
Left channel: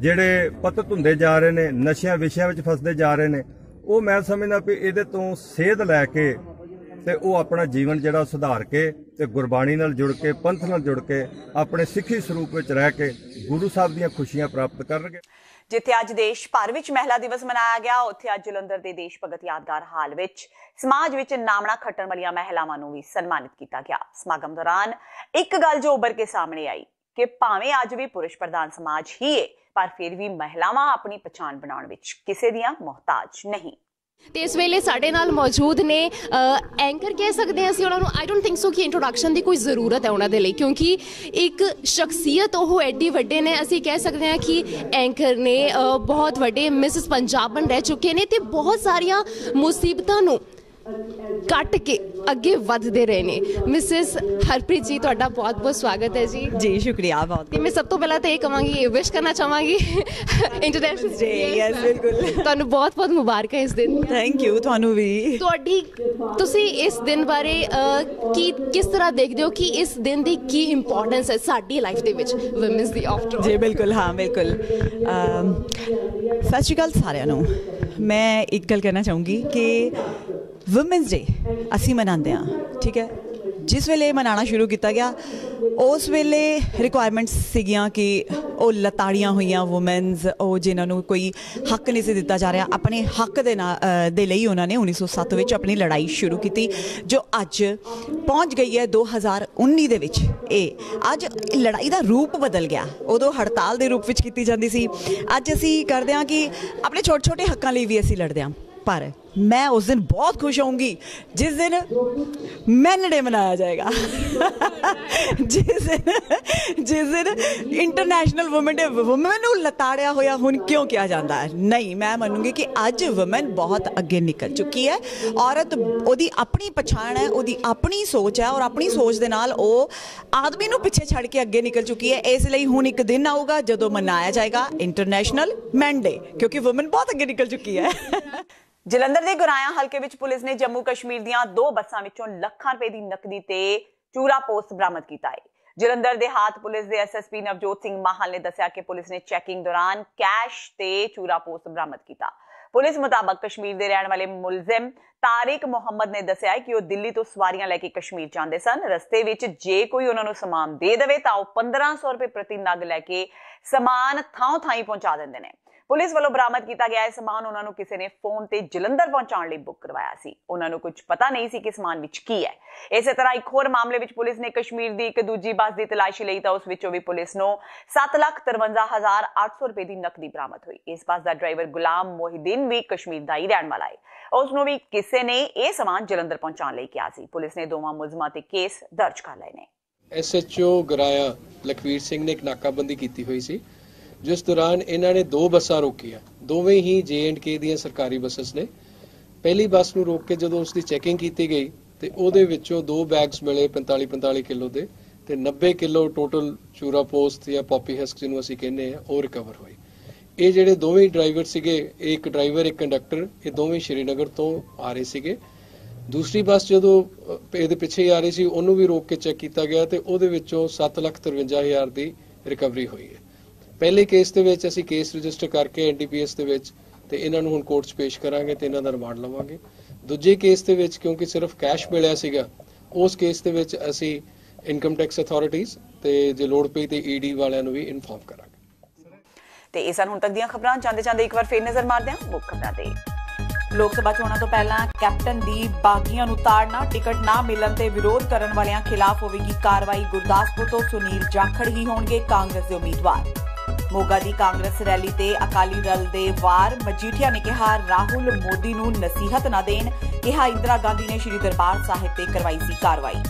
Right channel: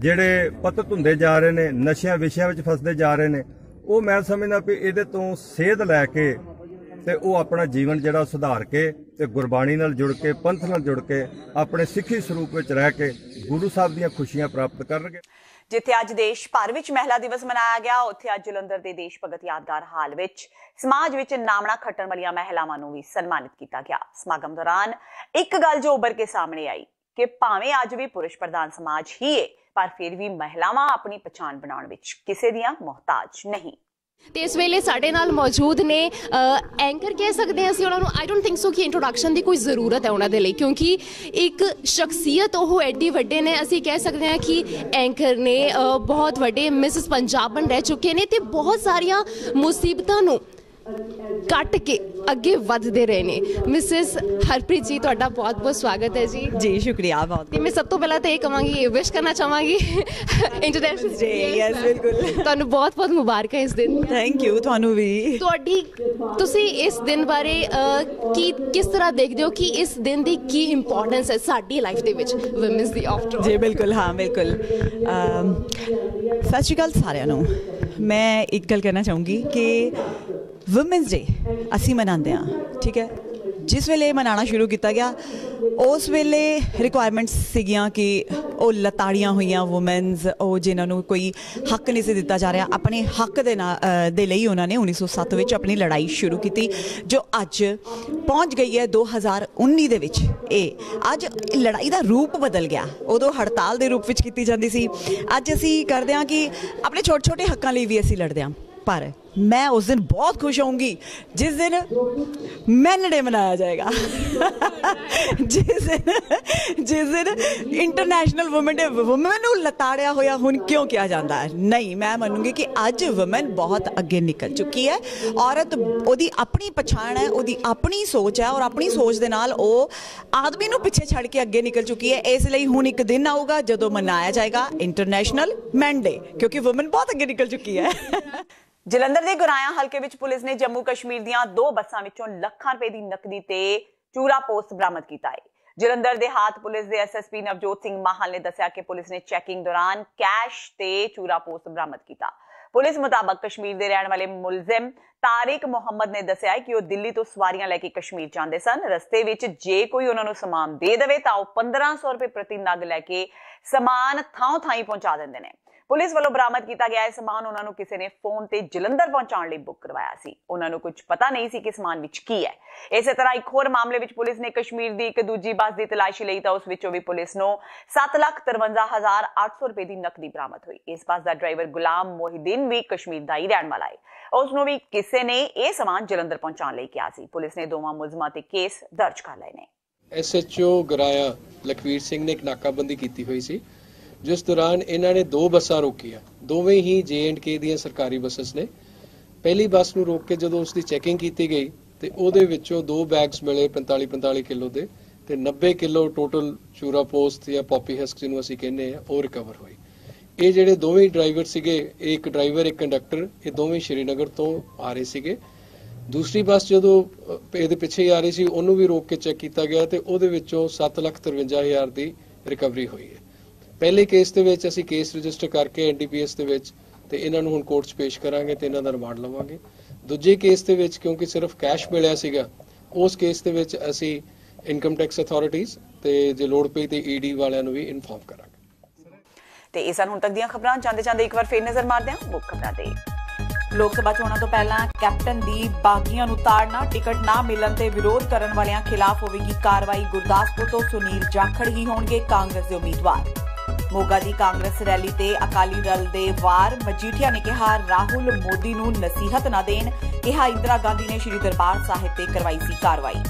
जिहड़े पतत हुंदे जा रहे ने, नशियां विशियां विच फसदे जा रहे ने, वो मैं समझना भी ये तो सेध लैके ते वो अपना जीवन जिहड़ा सुधार के ते गुरबाणी नाल जुड़ के, पंथ नाल जुड़ के, अपने सिੱਖੀ ਸਰੂਪ ਵਿੱਚ ਰਹਿ ਕੇ गुरु साहब ਦੀਆਂ ਖੁਸ਼ੀਆਂ ਪ੍ਰਾਪਤ ਕਰਨਗੇ। ਜਿੱਥੇ ਅੱਜ ਦੇਸ਼ ਭਰ ਵਿੱਚ ਮਹਿਲਾ ਦਿਵਸ ਮਨਾਇਆ ਗਿਆ, ਉੱਥੇ ਅੱਜ ਜਲੰਧਰ ਦੇ ਦੇਸ਼ ਭਗਤ ਯਾਦਗਾਰ ਹਾਲ ਵਿੱਚ ਸਮਾਜ ਵਿੱਚ ਨਾਮਣਾ ਖੱਟਣ ਵਾਲੀਆਂ ਮਹਿਲਾਵਾਂ ਨੂੰ ਵੀ ਸਨਮਾਨਿਤ ਕੀਤਾ ਗਿਆ। ਸਮਾਗਮ ਦੌਰਾਨ ਇੱਕ ਗੱਲ ਜੋ ਉੱਭਰ ਕੇ ਸਾਹਮਣੇ ਆਈ ਕਿ ਭਾਵੇਂ ਅੱਜ ਵੀ ਪੁਰਸ਼ ਪ੍ਰਧਾਨ ਸਮਾਜ ਹੀ ਹੈ, पर फिर भी महिलावां अपनी पहचान बनाने विच किसी दियां मोहताज नहीं। ਤੇ ਇਸ ਵੇਲੇ ਸਾਡੇ ਨਾਲ ਮੌਜੂਦ ਨੇ ਐਂਕਰ ਕਹਿ ਸਕਦੇ ਹਾਂ ਅਸੀਂ ਉਹਨਾਂ ਨੂੰ। ਆਈ ਡੋਂਟ ਥਿੰਕ ਸੋ ਕਿ ਇੰਟਰੋਡਕਸ਼ਨ ਦੀ ਕੋਈ ਜ਼ਰੂਰਤ ਹੈ ਉਹਨਾਂ ਦੇ ਲਈ, ਕਿਉਂਕਿ ਇੱਕ ਸ਼ਖਸੀਅਤ ਉਹ ਐਡੀ ਵੱਡੇ ਨੇ। ਅਸੀਂ ਕਹਿ ਸਕਦੇ ਹਾਂ ਕਿ ਐਂਕਰ ਨੇ ਬਹੁਤ ਵੱਡੇ ਮਿਸਿਸ ਪੰਜਾਬਨ ਰਹਿ ਚੁੱਕੇ ਨੇ ਤੇ ਬਹੁਤ ਸਾਰੀਆਂ ਮੁਸੀਬਤਾਂ ਨੂੰ ਕੱਟ ਕੇ ਅੱਗੇ ਵਧਦੇ ਰਹੇ ਨੇ। ਮਿਸਿਸ ਹਰਪ੍ਰੀਤ ਜੀ, ਤੁਹਾਡਾ ਬਹੁਤ ਬਹੁਤ ਸਵਾਗਤ ਹੈ ਜੀ। ਜੀ ਸ਼ੁਕਰੀਆ ਬਹੁਤ। ਤੇ ਮੈਂ ਸਭ ਤੋਂ ਪਹਿਲਾਂ ਤਾਂ ਇਹ ਕਹਾਂਗੀ, ਵਿਸ਼ ਕਰਨਾ ਚਾਹਾਂਗੀ ਇੰਟਰਨੈਸ਼ਨਲ ਡੇ। ਯੈਸ ਬਿਲਕੁਲ, ਤੁਹਾਨੂੰ ਬਹੁਤ ਬਹੁਤ ਮੁਬਾਰਕ ਹੈ ਇਸ ਦਿਨ। ਥੈਂਕ ਯੂ, ਤੁਹਾਨੂੰ ਵੀ। ਤੁਸੀਂ ਇਸ ਦਿਨ ਬਾਰੇ ਕਿਸ ਤਰ੍ਹਾਂ ਦੇਖਦੇ ਹੋ ਕਿ ਇਸ ਦਿਨ ਦੀ ਕੀ ਇੰਪੋਰਟੈਂਸ ਹੈ ਸਾਡੀ ਲਾਈਫ ਦੇ ਵਿੱਚ, ਵੂਮਨਸ ਦੀ ਆਫਟਰ? ਜੀ ਬਿਲਕੁਲ, ਹਾਂ ਬਿਲਕੁਲ। ਸਤਿ ਸ਼੍ਰੀ ਅਕਾਲ ਸਾਰਿਆਂ ਨੂੰ। ਮੈਂ ਇੱਕ ਗੱਲ ਕਹਿਣਾ ਚਾਹੂੰਗੀ ਕਿ ਵੂਮਨਸ ਡੇ ਅਸੀਂ ਮਨਾਉਂਦੇ ਹਾਂ, ਠੀਕ ਹੈ। ਜਿਸ ਵੇਲੇ ਮਨਾਉਣਾ ਸ਼ੁਰੂ ਕੀਤਾ ਗਿਆ ਉਸ ਵੇਲੇ ਰਿਕੁਆਇਰਮੈਂਟਸ ਸੀਗੀਆਂ ਕਿ ਉਹ ਲਤਾੜੀਆਂ ਹੋਈਆਂ ਵੂਮਨਸ, ਉਹ ਜਿਨ੍ਹਾਂ ਨੂੰ ਕੋਈ ਹੱਕ ਨਹੀਂ ਸੀ ਦਿੱਤਾ ਜਾ ਰਿਹਾ, ਆਪਣੇ ਹੱਕ ਦੇ ਲਈ ਉਹਨਾਂ ਨੇ 1907 ਵਿੱਚ ਆਪਣੀ ਲੜਾਈ ਸ਼ੁਰੂ ਕੀਤੀ, ਜੋ ਅੱਜ ਪਹੁੰਚ ਗਈ ਹੈ 2019 ਦੇ ਵਿੱਚ। ਇਹ ਅੱਜ ਲੜਾਈ ਦਾ ਰੂਪ ਬਦਲ ਗਿਆ। ਉਦੋਂ ਹੜਤਾਲ ਦੇ ਰੂਪ ਵਿੱਚ ਕੀਤੀ ਜਾਂਦੀ ਸੀ, ਅੱਜ ਅਸੀਂ ਕਰਦੇ ਹਾਂ ਕਿ ਆਪਣੇ ਛੋਟੇ ਛੋਟੇ ਹੱਕਾਂ ਲਈ ਵੀ ਅਸੀਂ ਲੜਦੇ ਹਾਂ। पर मैं उस दिन बहुत खुश होंगी जिस दिन मैन डे मनाया जाएगा जिस दिन इंटरनेशनल वुमेन डे। वुमेन नूं लताड़िया होया हुण क्यों किया जाता है? नहीं, मैं मनूंगी कि अज वुमेन बहुत अगे निकल चुकी है। औरत ओदी अपनी पछाण है, ओदी अपनी सोच है और अपनी सोच दे नाल ओ आदमी नूं पिछे छड़ के अगे निकल चुकी है। इसलिए हुण एक दिन आऊगा जदों मनाया जाएगा इंटरनेशनल मैन डे, क्योंकि वुमेन बहुत अगे निकल चुकी है। ਜਲੰਧਰ ਦੇ ਗੁਰਾਇਆ ਹਲਕੇ ਵਿੱਚ ਪੁਲਿਸ ਨੇ ਜੰਮੂ ਕਸ਼ਮੀਰ ਦੀਆਂ 2 ਬੱਸਾਂ ਵਿੱਚੋਂ ਲੱਖਾਂ ਰੁਪਏ ਦੀ ਨਕਦੀ ਤੇ ਚੂਰਾ ਪੋਸਟ ਬਰਾਮਦ ਕੀਤਾ ਹੈ। ਜਲੰਧਰ ਦੇ ਹਾਤ ਪੁਲਿਸ ਦੇ ਐਸਐਸਪੀ ਨਵਜੋਤ ਸਿੰਘ ਮਾਹਲ ਨੇ ਦੱਸਿਆ ਕਿ ਪੁਲਿਸ ਨੇ ਚੈਕਿੰਗ ਦੌਰਾਨ ਕੈਸ਼ ਤੇ ਚੂਰਾ ਪੋਸਟ ਬਰਾਮਦ ਕੀਤਾ। ਪੁਲਿਸ ਮੁਤਾਬਕ ਕਸ਼ਮੀਰ ਦੇ ਰਹਿਣ ਵਾਲੇ ਮੁਲਜ਼ਮ ਤਾਰਿਕ ਮੁਹੰਮਦ ਨੇ ਦੱਸਿਆ ਕਿ ਉਹ ਦਿੱਲੀ ਤੋਂ ਸਵਾਰੀਆਂ ਲੈ ਕੇ ਕਸ਼ਮੀਰ ਜਾਂਦੇ ਸਨ। ਰਸਤੇ ਵਿੱਚ ਜੇ ਕੋਈ ਉਹਨਾਂ ਨੂੰ ਸਮਾਨ ਦੇ ਦੇਵੇ ਤਾਂ ਉਹ 1500 ਰੁਪਏ ਪ੍ਰਤੀ ਨਗ ਲੈ ਕੇ ਸਮਾਨ ਥਾਂ ਥਾਈ ਪਹੁੰਚਾ ਦਿੰਦੇ ਨੇ। ਪੁਲਿਸ ਵੱਲੋਂ ਬਰਾਮਦ ਕੀਤਾ ਗਿਆ ਇਹ ਸਮਾਨ ਉਹਨਾਂ ਨੂੰ ਕਿਸੇ ਨੇ ਫੋਨ ਤੇ ਜਲੰਧਰ ਪਹੁੰਚਾਉਣ ਲਈ ਬੁੱਕ ਕਰਵਾਇਆ ਸੀ। ਉਹਨਾਂ ਨੂੰ ਕੁਝ ਪਤਾ ਨਹੀਂ ਸੀ ਕਿ ਸਮਾਨ ਵਿੱਚ ਕੀ ਹੈ। ਇਸੇ ਤਰ੍ਹਾਂ ਇੱਕ ਹੋਰ ਮਾਮਲੇ ਵਿੱਚ ਪੁਲਿਸ ਨੇ ਕਸ਼ਮੀਰ ਦੀ ਇੱਕ ਦੂਜੀ ਬੱਸ ਦੀ ਤਲਾਸ਼ੀ ਲਈ ਤਾਂ ਉਸ ਵਿੱਚੋਂ ਵੀ ਪੁਲਿਸ ਨੂੰ 7,53,800 ਰੁਪਏ ਦੀ ਨਕਦੀ ਬਰਾਮਦ ਹੋਈ। ਇਸ ਬੱਸ ਦਾ ਡਰਾਈਵਰ ਗੁਲਾਮ ਮੋਹਿਦੀਨ ਵੀ ਕਸ਼ਮੀਰ ਦਾ ਹੀ ਰਹਿਣ ਵਾਲਾ ਹੈ। ਉਸ ਨੂੰ ਵੀ ਕਿਸੇ ਨੇ ਇਹ ਸਮਾਨ ਜਲੰਧਰ ਪਹੁੰਚਾਉਣ ਲਈ ਕਿਹਾ ਸੀ। ਪੁਲਿਸ ਨੇ ਦੋਵਾਂ ਮੁਲਜ਼ਮਾਂ ਤੇ ਕੇਸ ਦਰਜ ਕਰ ਲਏ ਨੇ। SHO ਗਰਾਇਆ ਲਖਵੀਰ ਸਿੰਘ ਨੇ ਇੱਕ ਨਾਕਾਬੰਦੀ ਕੀਤੀ ਹੋਈ ਸੀ, ਜਿਸ ਦੌਰਾਨ ਇਹਨਾਂ ਨੇ 2 ਬੱਸਾਂ ਰੋਕੀਆਂ। ਦੋਵੇਂ ਹੀ J&K ਦੀਆਂ ਸਰਕਾਰੀ ਬੱਸਸ ਨੇ। ਪਹਿਲੀ ਬੱਸ ਨੂੰ ਰੋਕ ਕੇ ਜਦੋਂ ਉਸ ਦੀ ਚੈਕਿੰਗ ਕੀਤੀ ਗਈ ਤੇ ਉਹਦੇ ਵਿੱਚੋਂ 2 ਬੈਗਸ ਮਿਲੇ 45 ਕਿਲੋ ਦੇ ਤੇ 90 ਕਿਲੋ ਟੋਟਲ ਚੂਰਾ ਪੋਸਟ ਜਾਂ ਪੌਪੀ ਹਸਕ ਜਿਹਨੂੰ ਅਸੀਂ ਕਹਿੰਦੇ ਆ ਉਹ ਰਿਕਵਰ ਹੋਈ। ਇਹ ਜਿਹੜੇ ਦੋਵੇਂ ਡਰਾਈਵਰ ਸੀਗੇ, ਇੱਕ ਡਰਾਈਵਰ ਇੱਕ ਕੰਡਕਟਰ, ਇਹ ਦੋਵੇਂ ਸ਼੍ਰੀਨਗਰ ਤੋਂ ਆ ਰਹੇ ਸੀਗੇ। ਦੂਸਰੀ ਬੱਸ ਜਦੋਂ ਇਹਦੇ ਪਿੱਛੇ ਆ ਰਹੀ ਸੀ ਉਹਨੂੰ ਵੀ ਰੋਕ ਕੇ ਚੈੱਕ ਕੀਤਾ ਗਿਆ ਤੇ ਉਹਦੇ ਵਿੱਚੋਂ 7,53,000 ਦੀ ਰਿਕਵਰੀ ਹੋਈ ਹੈ। ਪਹਿਲੇ ਕੇਸ ਦੇ ਵਿੱਚ ਅਸੀਂ ਕੇਸ ਰਜਿਸਟਰ ਕਰਕੇ NDPS ਦੇ ਵਿੱਚ ਤੇ ਇਹਨਾਂ ਨੂੰ ਹੁਣ ਕੋਰਟ 'ਚ ਪੇਸ਼ ਕਰਾਂਗੇ ਤੇ ਇਹਨਾਂ ਦਾ ਰਿਮਾਂਡ ਲਵਾਂਗੇ। ਦੂਜੇ ਕੇਸ ਦੇ ਵਿੱਚ ਕਿਉਂਕਿ ਸਿਰਫ ਕੈਸ਼ ਮਿਲਿਆ ਸੀਗਾ, ਉਸ ਕੇਸ ਦੇ ਵਿੱਚ ਅਸੀਂ ਇਨਕਮ ਟੈਕਸ ਅਥਾਰਟੀਜ਼ ਤੇ ਜੇ ਲੋੜ ਪਈ ਤੇ ED ਵਾਲਿਆਂ ਨੂੰ ਵੀ ਇਨਫੋਰਮ ਕਰਾਂਗੇ। ਤੇ ਇਹ ਸਨ ਹੁਣ ਤੱਕ ਦੀਆਂ ਖਬਰਾਂ। ਜਾਂਦੇ ਇੱਕ ਵਾਰ ਫੇਰ ਨਜ਼ਰ ਮਾਰਦੇ ਹਾਂ ਮੁੱਖ ਖਬਰਾਂ ਤੇ। ਲੋਕ ਸਭਾ ਚੋਣਾਂ ਤੋਂ ਪਹਿਲਾਂ ਕੈਪਟਨ ਦੀ ਬਾਗੀਆਂ ਨੂੰ ਤਾੜਨਾ, ਟਿਕਟ ਨਾ ਮਿਲਣ ਤੇ ਵਿਰੋਧ ਕਰਨ ਵਾਲਿਆਂ ਖਿਲਾਫ ਹੋਵੇਗੀ ਕਾਰਵਾਈ। ਗੁਰਦਾਸਪੁਰ ਤੋਂ ਸੁਨੀਲ ਜਾਖੜ ਹੀ ਹੋਣਗੇ ਕਾਂਗਰਸ ਦੇ ਉਮੀਦਵਾਰ। ਮੋਗਾ ਦੀ ਕਾਂਗਰਸ ਰੈਲੀ ਤੇ ਅਕਾਲੀ ਦਲ ਦੇ ਵਾਰ। ਮਜੀਠੀਆ ਨੇ ਕਿਹਾ ਰਾਹੁਲ ਮੋਦੀ ਨੂੰ ਨਸੀਹਤ ਨਾ ਦੇਣ। ਕਿਹਾ ਇੰਦਰਾ ਗਾਂਧੀ ਨੇ ਸ਼੍ਰੀ ਦਰਬਾਰ ਸਾਹਿਬ ਤੇ ਕਰਵਾਈ ਸੀ ਕਾਰਵਾਈ।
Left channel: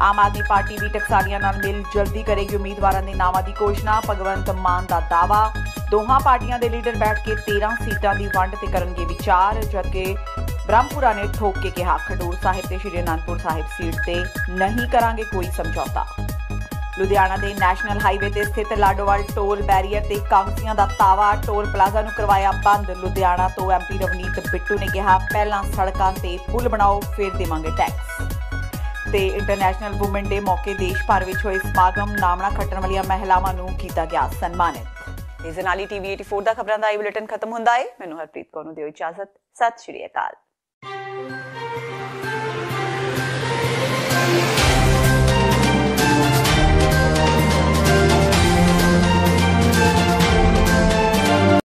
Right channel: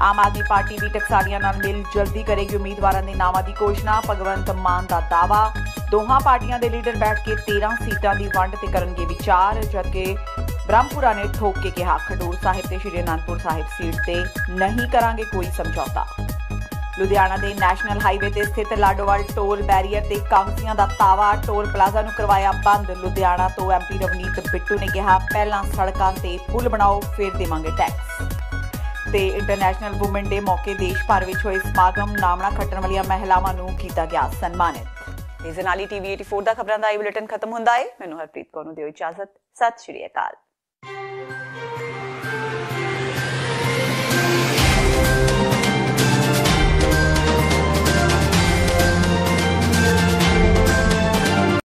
ਆਮ ਆਦਮੀ ਪਾਰਟੀ ਵੀ ਟਕਸਾਲੀਆਂ ਨਾਲ ਮਿਲ ਜਲਦੀ ਕਰੇਗੀ ਉਮੀਦਵਾਰਾਂ ਦੇ ਨਾਵਾਂ ਦੀ ਘੋਸ਼ਣਾ। ਭਗਵੰਤ ਮਾਨ ਦਾ ਦਾਅਵਾ। ਦੋਹਾਂ ਪਾਰਟੀਆਂ ਦੇ ਲੀਡਰ ਬੈਠ ਕੇ 13 ਸੀਟਾਂ ਦੀ ਵੰਡ ਤੇ ਕਰਨਗੇ ਵਿਚਾਰ। ਜਦਕਿ ਬ੍ਰਹਮਪੁਰਾ ਨੇ ਠੋਕ ਕੇ ਕਿਹਾ ਖਡੂਰ ਸਾਹਿਬ ਤੇ ਸ਼੍ਰੀ ਅਨੰਦਪੁਰ ਸਾਹਿਬ ਸੀਟ ਤੇ ਨਹੀਂ ਕਰਾਂਗੇ ਕੋਈ ਸਮਝੌਤਾ। ਲੁਧਿਆਣਾ ਦੇ ਨੈਸ਼ਨਲ ਹਾਈਵੇ ਤੇ ਸਥਿਤ ਲਾਡੋਵਾਲ ਟੋਲ ਬੈਰੀਅਰ ਤੇ ਕਾਂਗਸੀਆਂ ਦਾ ਤਾਵਾ। ਟੋਲ ਪਲਾਜ਼ਾ ਨੂੰ ਕਰਵਾਇਆ ਬੰਦ। ਲੁਧਿਆਣਾ ਤੋਂ MP ਰਵਨੀਤ ਬਿੱਟੂ ਨੇ ਕਿਹਾ ਪਹਿਲਾਂ ਸੜਕਾਂ ਤੇ ਪੁਲ ਬਣਾਓ ਫਿਰ ਦੇਵਾਂਗੇ ਟੈਕਸ। ਤੇ ਇੰਟਰਨੈਸ਼ਨਲ ਵੂਮਨ ਡੇ ਮੌਕੇ ਦੇਸ਼ ਭਰ ਵਿੱਚ ਹੋਏ ਸਮਾਗਮ। ਨਾਮਣਾ ਖੱਟਣ ਵਾਲੀਆਂ ਮਹਿਲਾਵਾਂ ਨੂੰ ਕੀਤਾ ਗਿਆ ਸਨਮਾਨਿਤ। ਇਸ ਨਾਲ ਹੀ TV 84 ਦਾ ਖਬਰਾਂ ਦਾ ਇਹ ਬੁਲੇਟਿਨ ਖਤਮ ਹੁੰਦਾ ਹੈ। ਮੈਨੂੰ ਹਰਪ੍ਰੀਤ ਕੌਰ ਨੂੰ ਦਿਓ ਇਜਾਜ਼ਤ। ਸਤਿ ਸ਼੍ਰੀ ਅਕਾਲ।